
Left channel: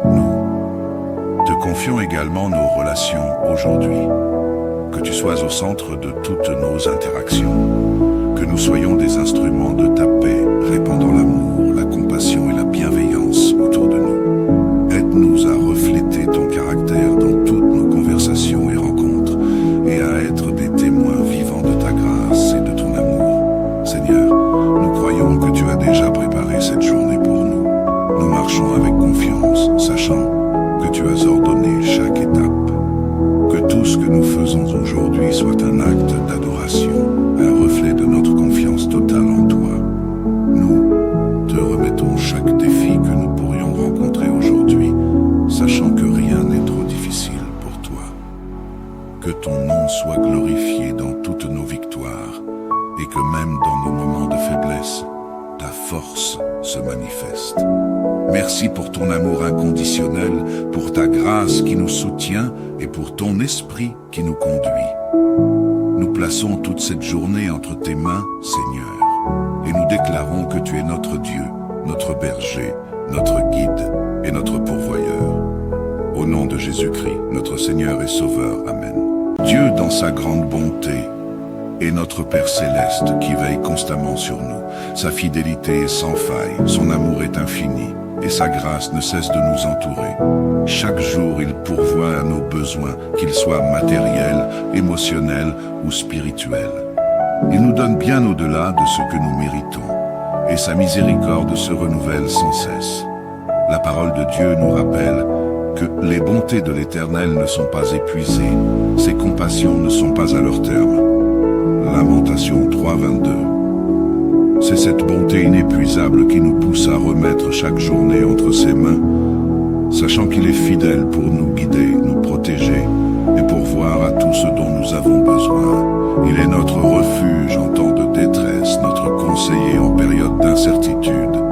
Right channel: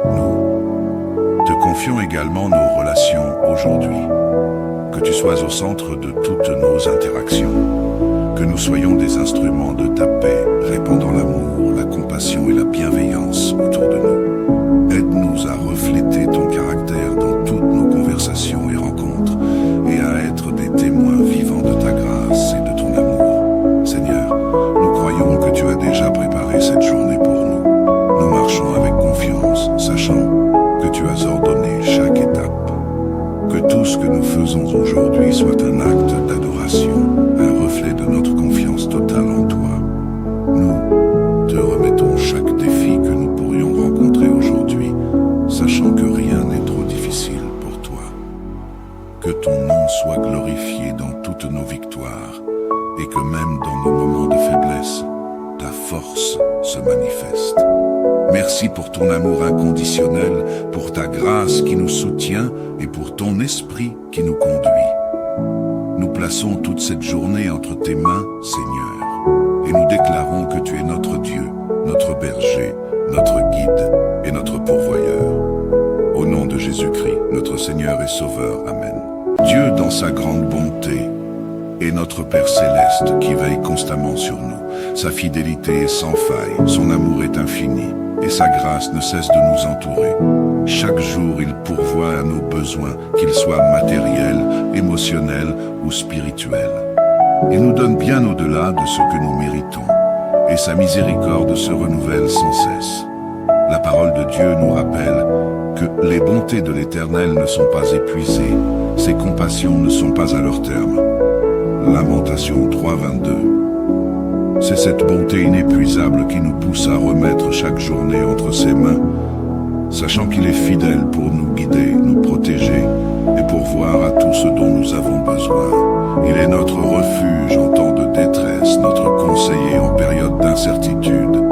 Nous te confions également nos relations aujourd'hui. Que tu sois au centre de toutes nos interactions. Que nous soyons des instruments de ta paix, répandant l'amour, la compassion et la bienveillance autour de nous. Aide-nous à refléter ton caractère dans toutes nos conversations et rencontres, et à être des témoins vivants de ta grâce et de ton amour. Seigneur, nous croyons que tu as déjà préparé cette journée pour nous. Nous marchons avec confiance, sachant que tu as ordonné chaque étape. Que tout ce que nous faisons aujourd'hui soit un acte d'adoration, un reflet de notre confiance totale en toi. Nous te remettons chaque défi que nous pourrions rencontrer aujourd'hui, sachant que rien n'est trop difficile pour toi. Que ton nom soit glorifié dans toutes nos victoires, et que même dans nos moments de faiblesse, ta force se manifeste. Merci pour ton amour inconditionnel, pour ta grâce qui nous soutient et pour ton esprit qui nous conduit. Nous plaçons toute cette journée entre tes mains, Seigneur, et nous déclarons que tu es notre Dieu, notre berger, notre guide et notre pourvoyeur. Au nom de Jésus-Christ, notre Seigneur et Sauveur. Amen. Dieu, dans sa grande bonté, est notre Père céleste qui veille constamment sur nous. Sa fidélité est sans faille, son amour est infini, et sa grâce ne cesse de nous entourer. Chaque jour, il pourvoit à nos besoins, qu'ils soient matériels, émotionnels ou spirituels. Il nous donne bien au-delà de ce que nous méritons, et sa miséricorde se renouvelle sans cesse. La parole de Dieu nous rappelle que les bontés de l'Éternel ne sont pas épuisées, ses compassions ne sont pas à leur terme. Lamentation 3:22. C'est cette bonté inépuisable qui nous pousse à remettre chaque journée entre ses mains, sachant qu'il est fidèle pour nous guider, nous protéger et pourvoir à tout ce dont nous avons besoin. Il est notre refuge en temps de détresse, notre conseiller en période d'incertitude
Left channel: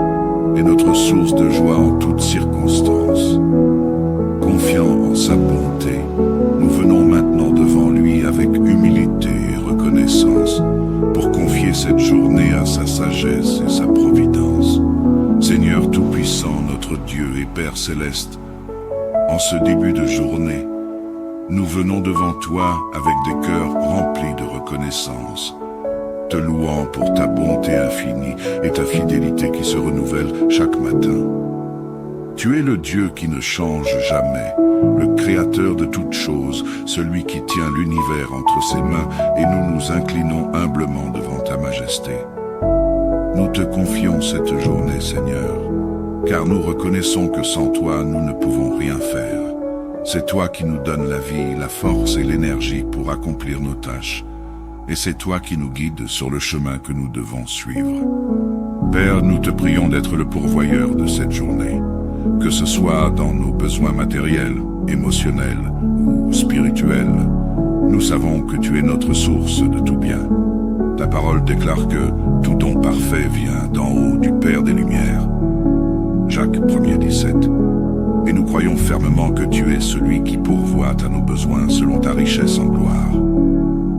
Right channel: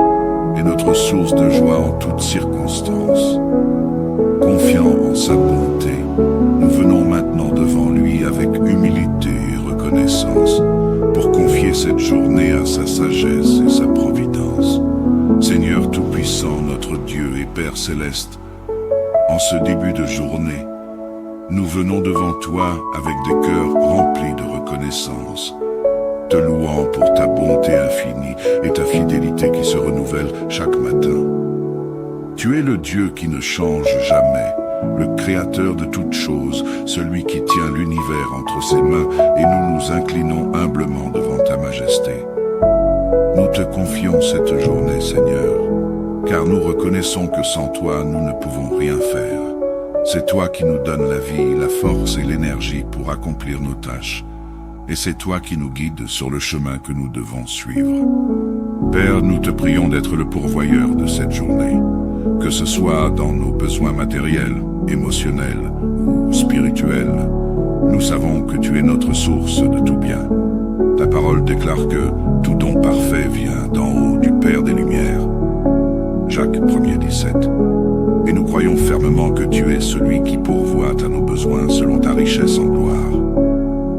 et notre source de joie en toutes circonstances. Confiant en sa bonté, nous venons maintenant devant lui avec humilité et reconnaissance pour confier cette journée à sa sagesse et sa providence. Seigneur Tout-Puissant, notre Dieu et Père Céleste, en ce début de journée, nous venons devant toi avec des cœurs remplis de reconnaissance, te louant pour ta bonté infinie et ta fidélité qui se renouvelle chaque matin. Tu es le Dieu qui ne change jamais, le Créateur de toutes choses, celui qui tient l'univers entre ses mains, et nous nous inclinons humblement devant ta majesté. Nous te confions cette journée, Seigneur, car nous reconnaissons que sans toi, nous ne pouvons rien faire. C'est toi qui nous donnes la vie, la force et l'énergie pour accomplir nos tâches, et c'est toi qui nous guides sur le chemin que nous devons suivre. Père, nous te prions d'être le pourvoyeur de cette journée, que ce soit dans nos besoins matériels, émotionnels ou spirituels. Nous savons que tu es notre source de tout bien. Ta parole déclare que tout don parfait vient d'en haut du Père des Lumières. Jacques 1:17. Et nous croyons fermement que tu es celui qui pourvoit à nos besoins selon ta richesse en gloire.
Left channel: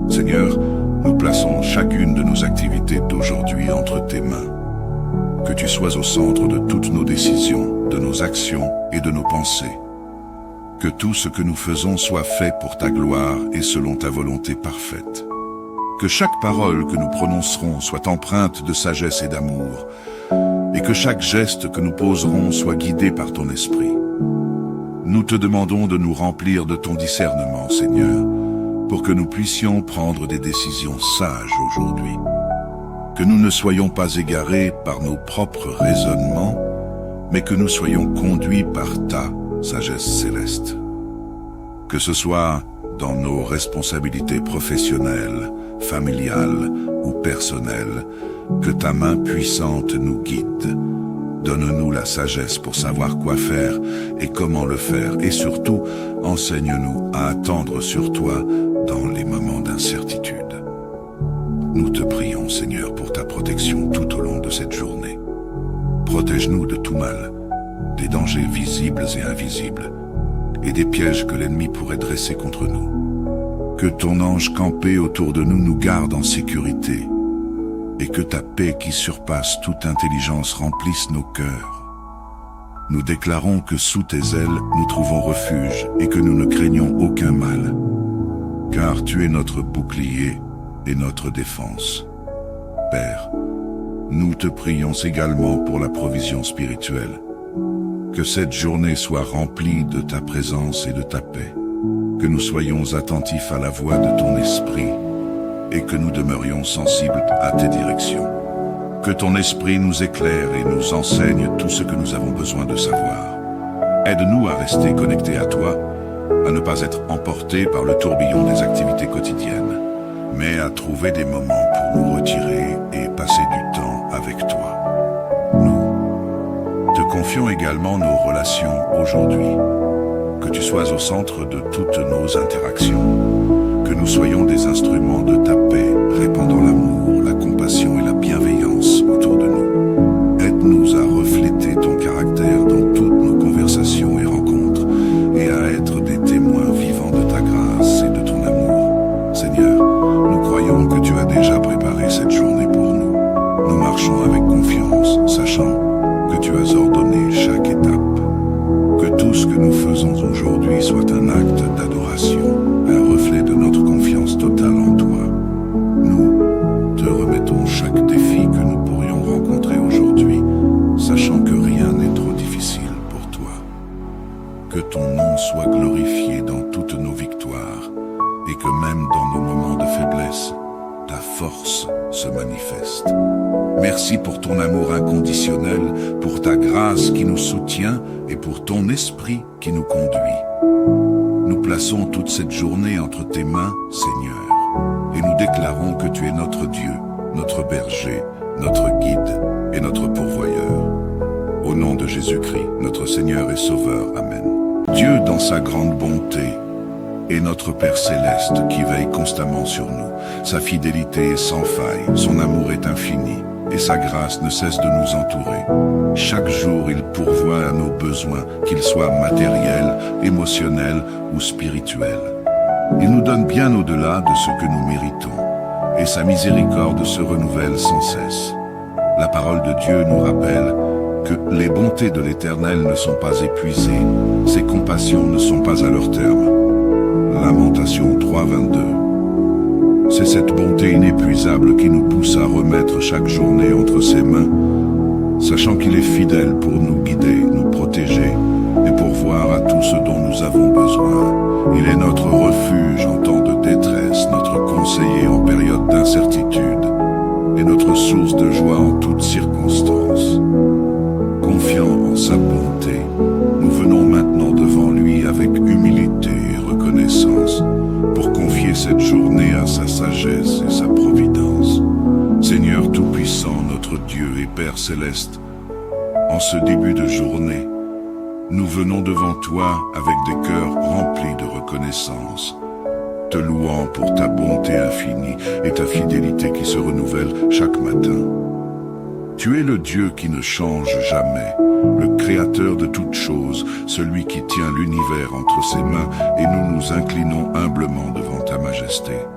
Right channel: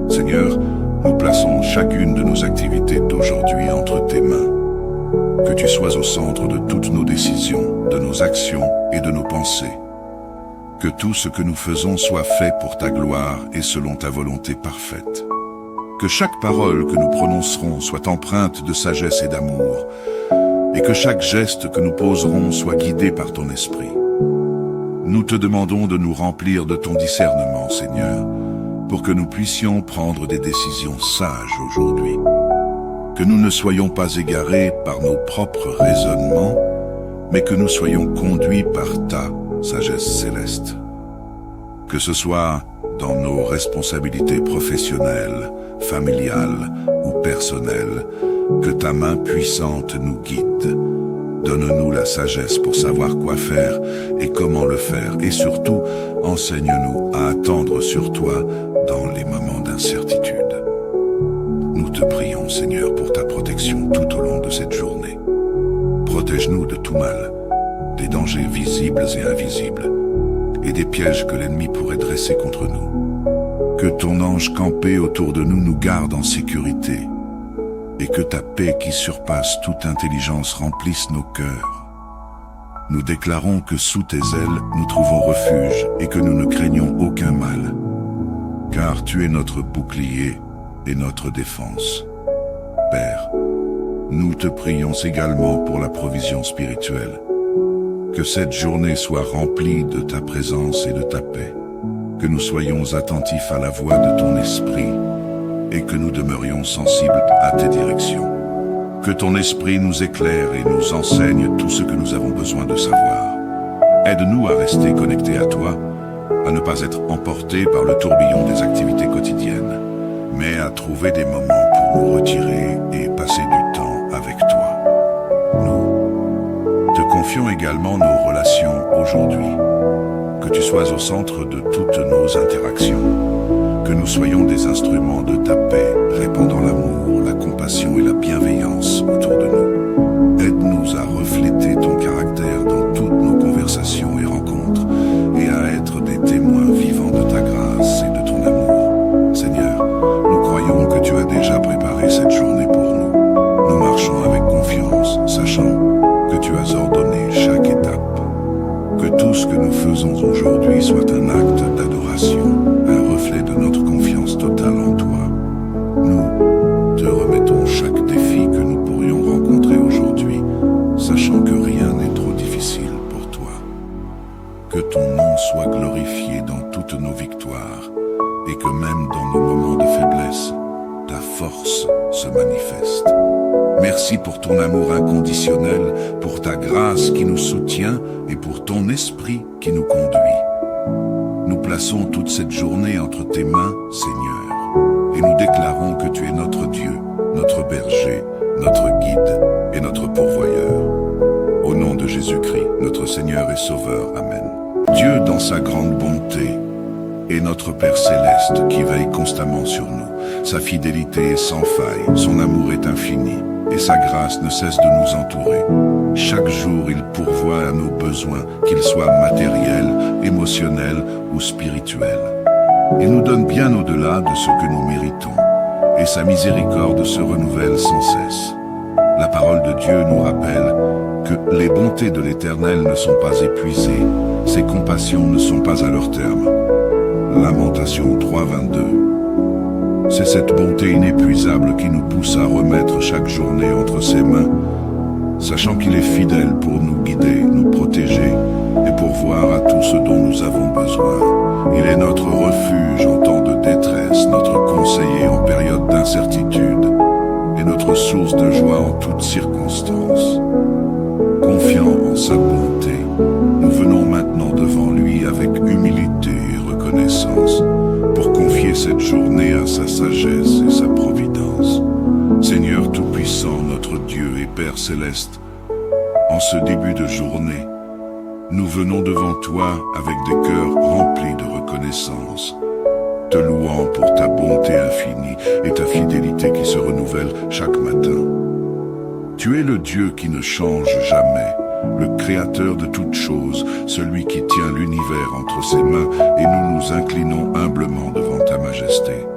Seigneur, nous plaçons chacune de nos activités d'aujourd'hui entre tes mains. Que tu sois au centre de toutes nos décisions, de nos actions et de nos pensées. Que tout ce que nous faisons soit fait pour ta gloire et selon ta volonté parfaite. Que chaque parole que nous prononcerons soit empreinte de sagesse et d'amour, et que chaque geste que nous poserons soit guidé par ton esprit. Nous te demandons de nous remplir de ton discernement, Seigneur, pour que nous puissions prendre des décisions sages aujourd'hui. Que nous ne soyons pas égarés par nos propres raisonnements, mais que nous soyons conduits par ta sagesse céleste. Que ce soit dans nos responsabilités professionnelles, familiales ou personnelles, que ta main puissante nous guide. Donne-nous la sagesse pour savoir quoi faire et comment le faire, et surtout, enseigne-nous à attendre sur toi dans les moments d'incertitude. Nous te prions, Seigneur, pour ta protection tout au long de cette journée. Protège-nous de tout mal, des dangers visibles et invisibles, et des pièges que l'ennemi pourrait dresser contre nous. Que ton ange campé autour de nous nous garde en sécurité, et que ta paix qui surpasse toute intelligence remplisse nos cœurs. Nous déclarons que sous tes ailes nous trouvons refuge et que nous ne craignons aucun mal, car tu es notre bouclier et notre défense. Père, nous te prions également pour la provision spirituelle. Que cette journée soit remplie de ta présence et de ta paix, que nous soyons attentifs à la voix de ton esprit et que nous demeurions sensibles à tes directions. Que ton esprit nous éclaire et nous enseigne tout ce que nous avons besoin de savoir. Aide-nous à rester connectés à toi, à ne pas être emportés par le tourbillon des activités quotidiennes, mais à trouver des moments pour nous retirer et passer du temps avec toi. Nous te confions également nos relations aujourd'hui. Que tu sois au centre de toutes nos interactions, que nous soyons des instruments de ta paix, répandant l'amour, la compassion et la bienveillance autour de nous. Aide-nous à refléter ton caractère dans toutes nos conversations et rencontres, et à être des témoins vivants de ta grâce et de ton amour. Seigneur, nous croyons que tu as déjà préparé cette journée pour nous. Nous marchons avec confiance, sachant que tu as ordonné chaque étape. Que tout ce que nous faisons aujourd'hui soit un acte d'adoration, un reflet de notre confiance totale en toi. Nous te remettons chaque défi que nous pourrions rencontrer aujourd'hui, sachant que rien n'est trop difficile pour toi. Que ton nom soit glorifié dans toutes nos victoires, et que même dans nos moments de faiblesse, ta force se manifeste. Merci pour ton amour inconditionnel, pour ta grâce qui nous soutient et pour ton esprit qui nous conduit. Nous plaçons toute cette journée entre tes mains, Seigneur, et nous déclarons que tu es notre Dieu, notre berger, notre guide et notre pourvoyeur. Au nom de Jésus-Christ, notre Seigneur et Sauveur. Amen. Dieu, dans sa grande bonté, est notre Père céleste qui veille constamment sur nous. Sa fidélité est sans faille, son amour est infini, et sa grâce ne cesse de nous entourer. Chaque jour, il pourvoit à nos besoins, qu'ils soient matériels, émotionnels ou spirituels. Il nous donne bien au-delà de ce que nous méritons, et sa miséricorde se renouvelle sans cesse. La parole de Dieu nous rappelle que les bontés de l'Éternel ne sont pas épuisées, ses compassions ne sont pas à leur terme. Lamentation 3:22. C'est cette bonté inépuisable qui nous pousse à remettre chaque journée entre ses mains, sachant qu'il est fidèle pour nous guider, nous protéger et pourvoir à tout ce dont nous avons besoin. Il est notre refuge en temps de détresse, notre conseiller en période d'incertitude et notre source de joie en toutes circonstances. Confiant en sa bonté, nous venons maintenant devant lui avec humilité et reconnaissance pour confier cette journée à sa sagesse et sa providence. Seigneur Tout-Puissant, notre Dieu et Père Céleste, en ce début de journée, nous venons devant toi avec des cœurs remplis de reconnaissance, te louant pour ta bonté infinie et ta fidélité qui se renouvelle chaque matin. Tu es le Dieu qui ne change jamais, le Créateur de toutes choses, celui qui tient l'univers entre ses mains, et nous nous inclinons humblement devant ta majesté.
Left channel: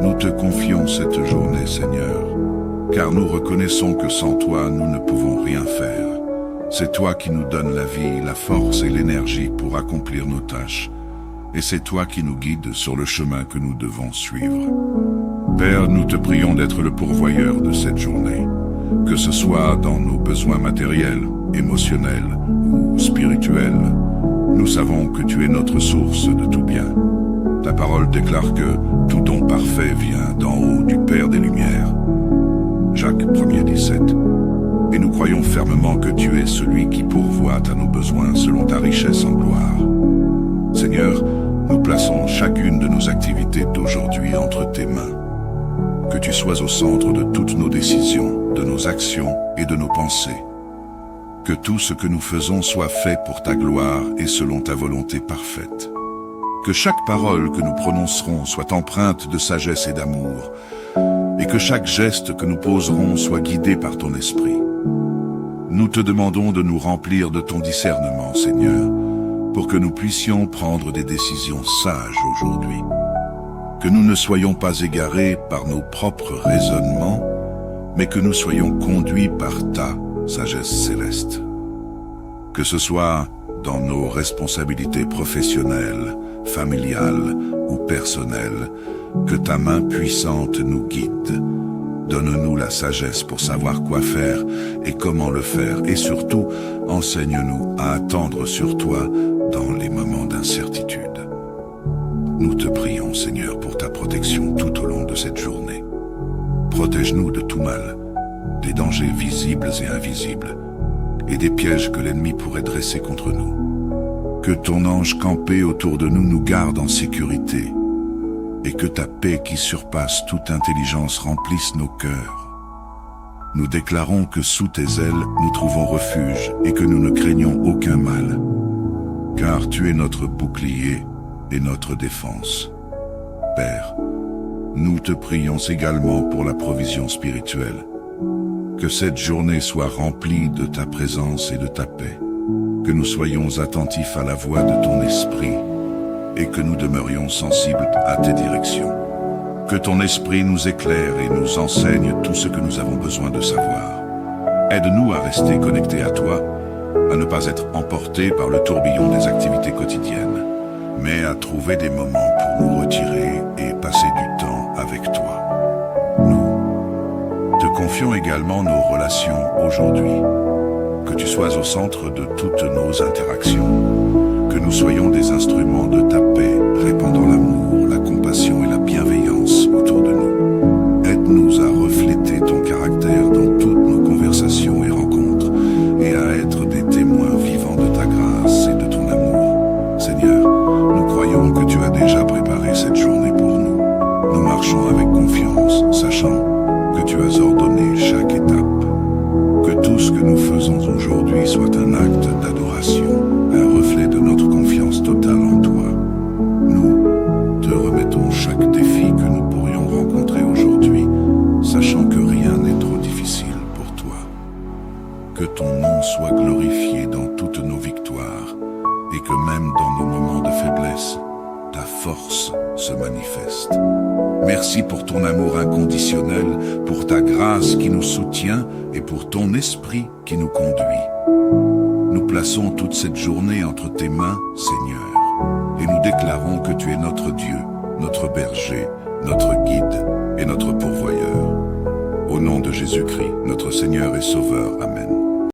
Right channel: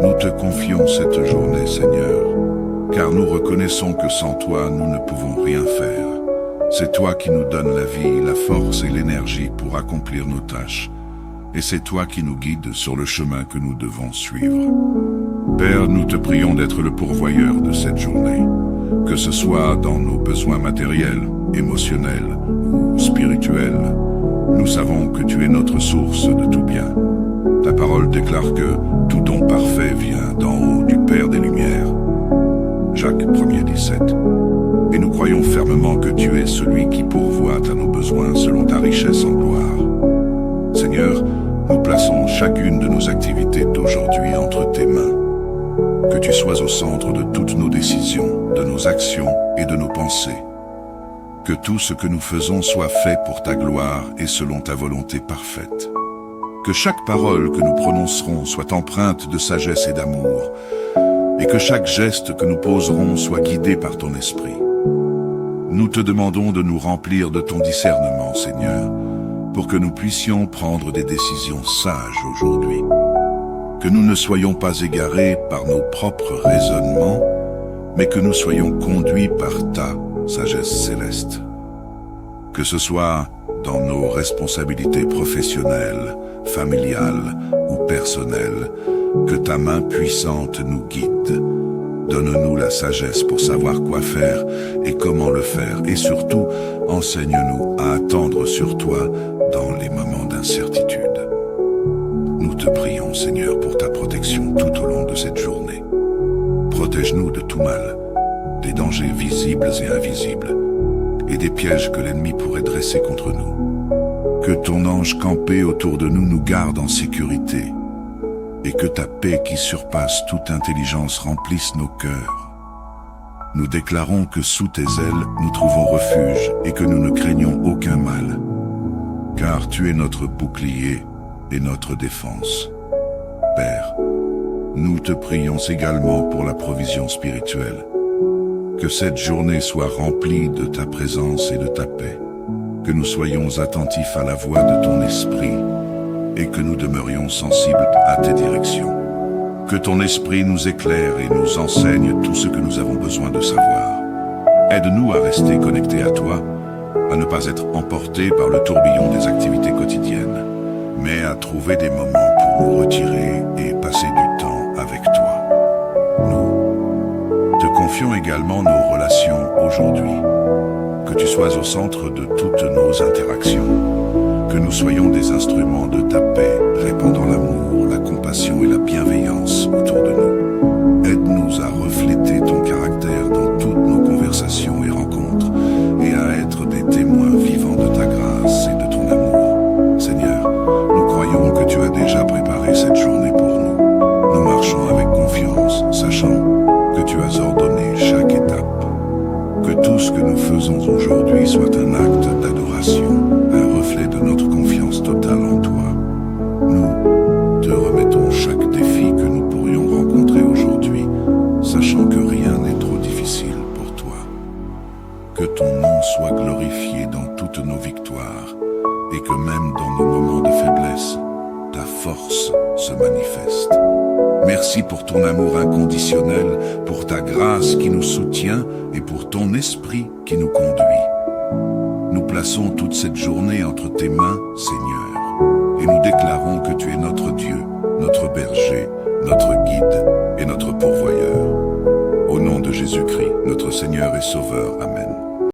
Nous te confions cette journée, Seigneur, car nous reconnaissons que sans toi, nous ne pouvons rien faire. C'est toi qui nous donnes la vie, la force et l'énergie pour accomplir nos tâches, et c'est toi qui nous guides sur le chemin que nous devons suivre. Père, nous te prions d'être le pourvoyeur de cette journée, que ce soit dans nos besoins matériels, émotionnels ou spirituels. Nous savons que tu es notre source de tout bien. Ta parole déclare que tout don parfait vient d'en haut du Père des Lumières. Jacques 1:17. Et nous croyons fermement que tu es celui qui pourvoit à nos besoins selon ta richesse en gloire. Seigneur, nous plaçons chacune de nos activités d'aujourd'hui entre tes mains. Que tu sois au centre de toutes nos décisions, de nos actions et de nos pensées. Que tout ce que nous faisons soit fait pour ta gloire et selon ta volonté parfaite. Que chaque parole que nous prononcerons soit empreinte de sagesse et d'amour, et que chaque geste que nous poserons soit guidé par ton esprit. Nous te demandons de nous remplir de ton discernement, Seigneur, pour que nous puissions prendre des décisions sages aujourd'hui. Que nous ne soyons pas égarés par nos propres raisonnements, mais que nous soyons conduits par ta sagesse céleste. Que ce soit dans nos responsabilités professionnelles, familiales ou personnelles, que ta main puissante nous guide. Donne-nous la sagesse pour savoir quoi faire et comment le faire, et surtout, enseigne-nous à attendre sur toi dans les moments d'incertitude. Nous te prions, Seigneur, pour ta protection tout au long de cette journée. Protège-nous de tout mal, des dangers visibles et invisibles, et des pièges que l'ennemi pourrait dresser contre nous. Que ton ange campé autour de nous garde en sécurité, et que ta paix qui surpasse toute intelligence remplisse nos cœurs. Nous déclarons que sous tes ailes nous trouvons refuge et que nous ne craignons aucun mal, car tu es notre bouclier et notre défense. Père, nous te prions également pour la provision spirituelle. Que cette journée soit remplie de ta présence et de ta paix, que nous soyons attentifs à la voix de ton esprit et que nous demeurions sensibles à tes directions. Que ton esprit nous éclaire et nous enseigne tout ce que nous avons besoin de savoir. Aide-nous à rester connectés à toi, à ne pas être emportés par le tourbillon des activités quotidiennes, mais à trouver des moments pour nous retirer et passer du temps avec toi. Nous te confions également nos relations aujourd'hui. Que tu sois au centre de toutes nos interactions. Que nous soyons des instruments de ta paix, répandant l'amour, la compassion et la bienveillance autour de nous. Aide-nous à refléter ton caractère dans toutes nos conversations et rencontres, et à être des témoins vivants de ta grâce et de ton amour. Seigneur, nous croyons que tu as déjà préparé cette journée pour nous. Nous marchons avec confiance, sachant que tu as ordonné chaque étape. Que tout ce que nous faisons aujourd'hui soit un acte d'adoration, un reflet de notre confiance totale en toi. Nous te remettons chaque défi que nous pourrions rencontrer aujourd'hui, sachant que rien n'est trop difficile pour toi. Que ton nom soit glorifié dans toutes nos victoires, et que même dans nos moments de faiblesse, ta force se manifeste. Merci pour ton amour inconditionnel, pour ta grâce qui nous soutient et pour ton esprit qui nous conduit. Nous plaçons toute cette journée entre tes mains, Seigneur, et nous déclarons que tu es notre Dieu, notre berger, notre guide et notre pourvoyeur. Au nom de Jésus-Christ, notre Seigneur et Sauveur. Amen.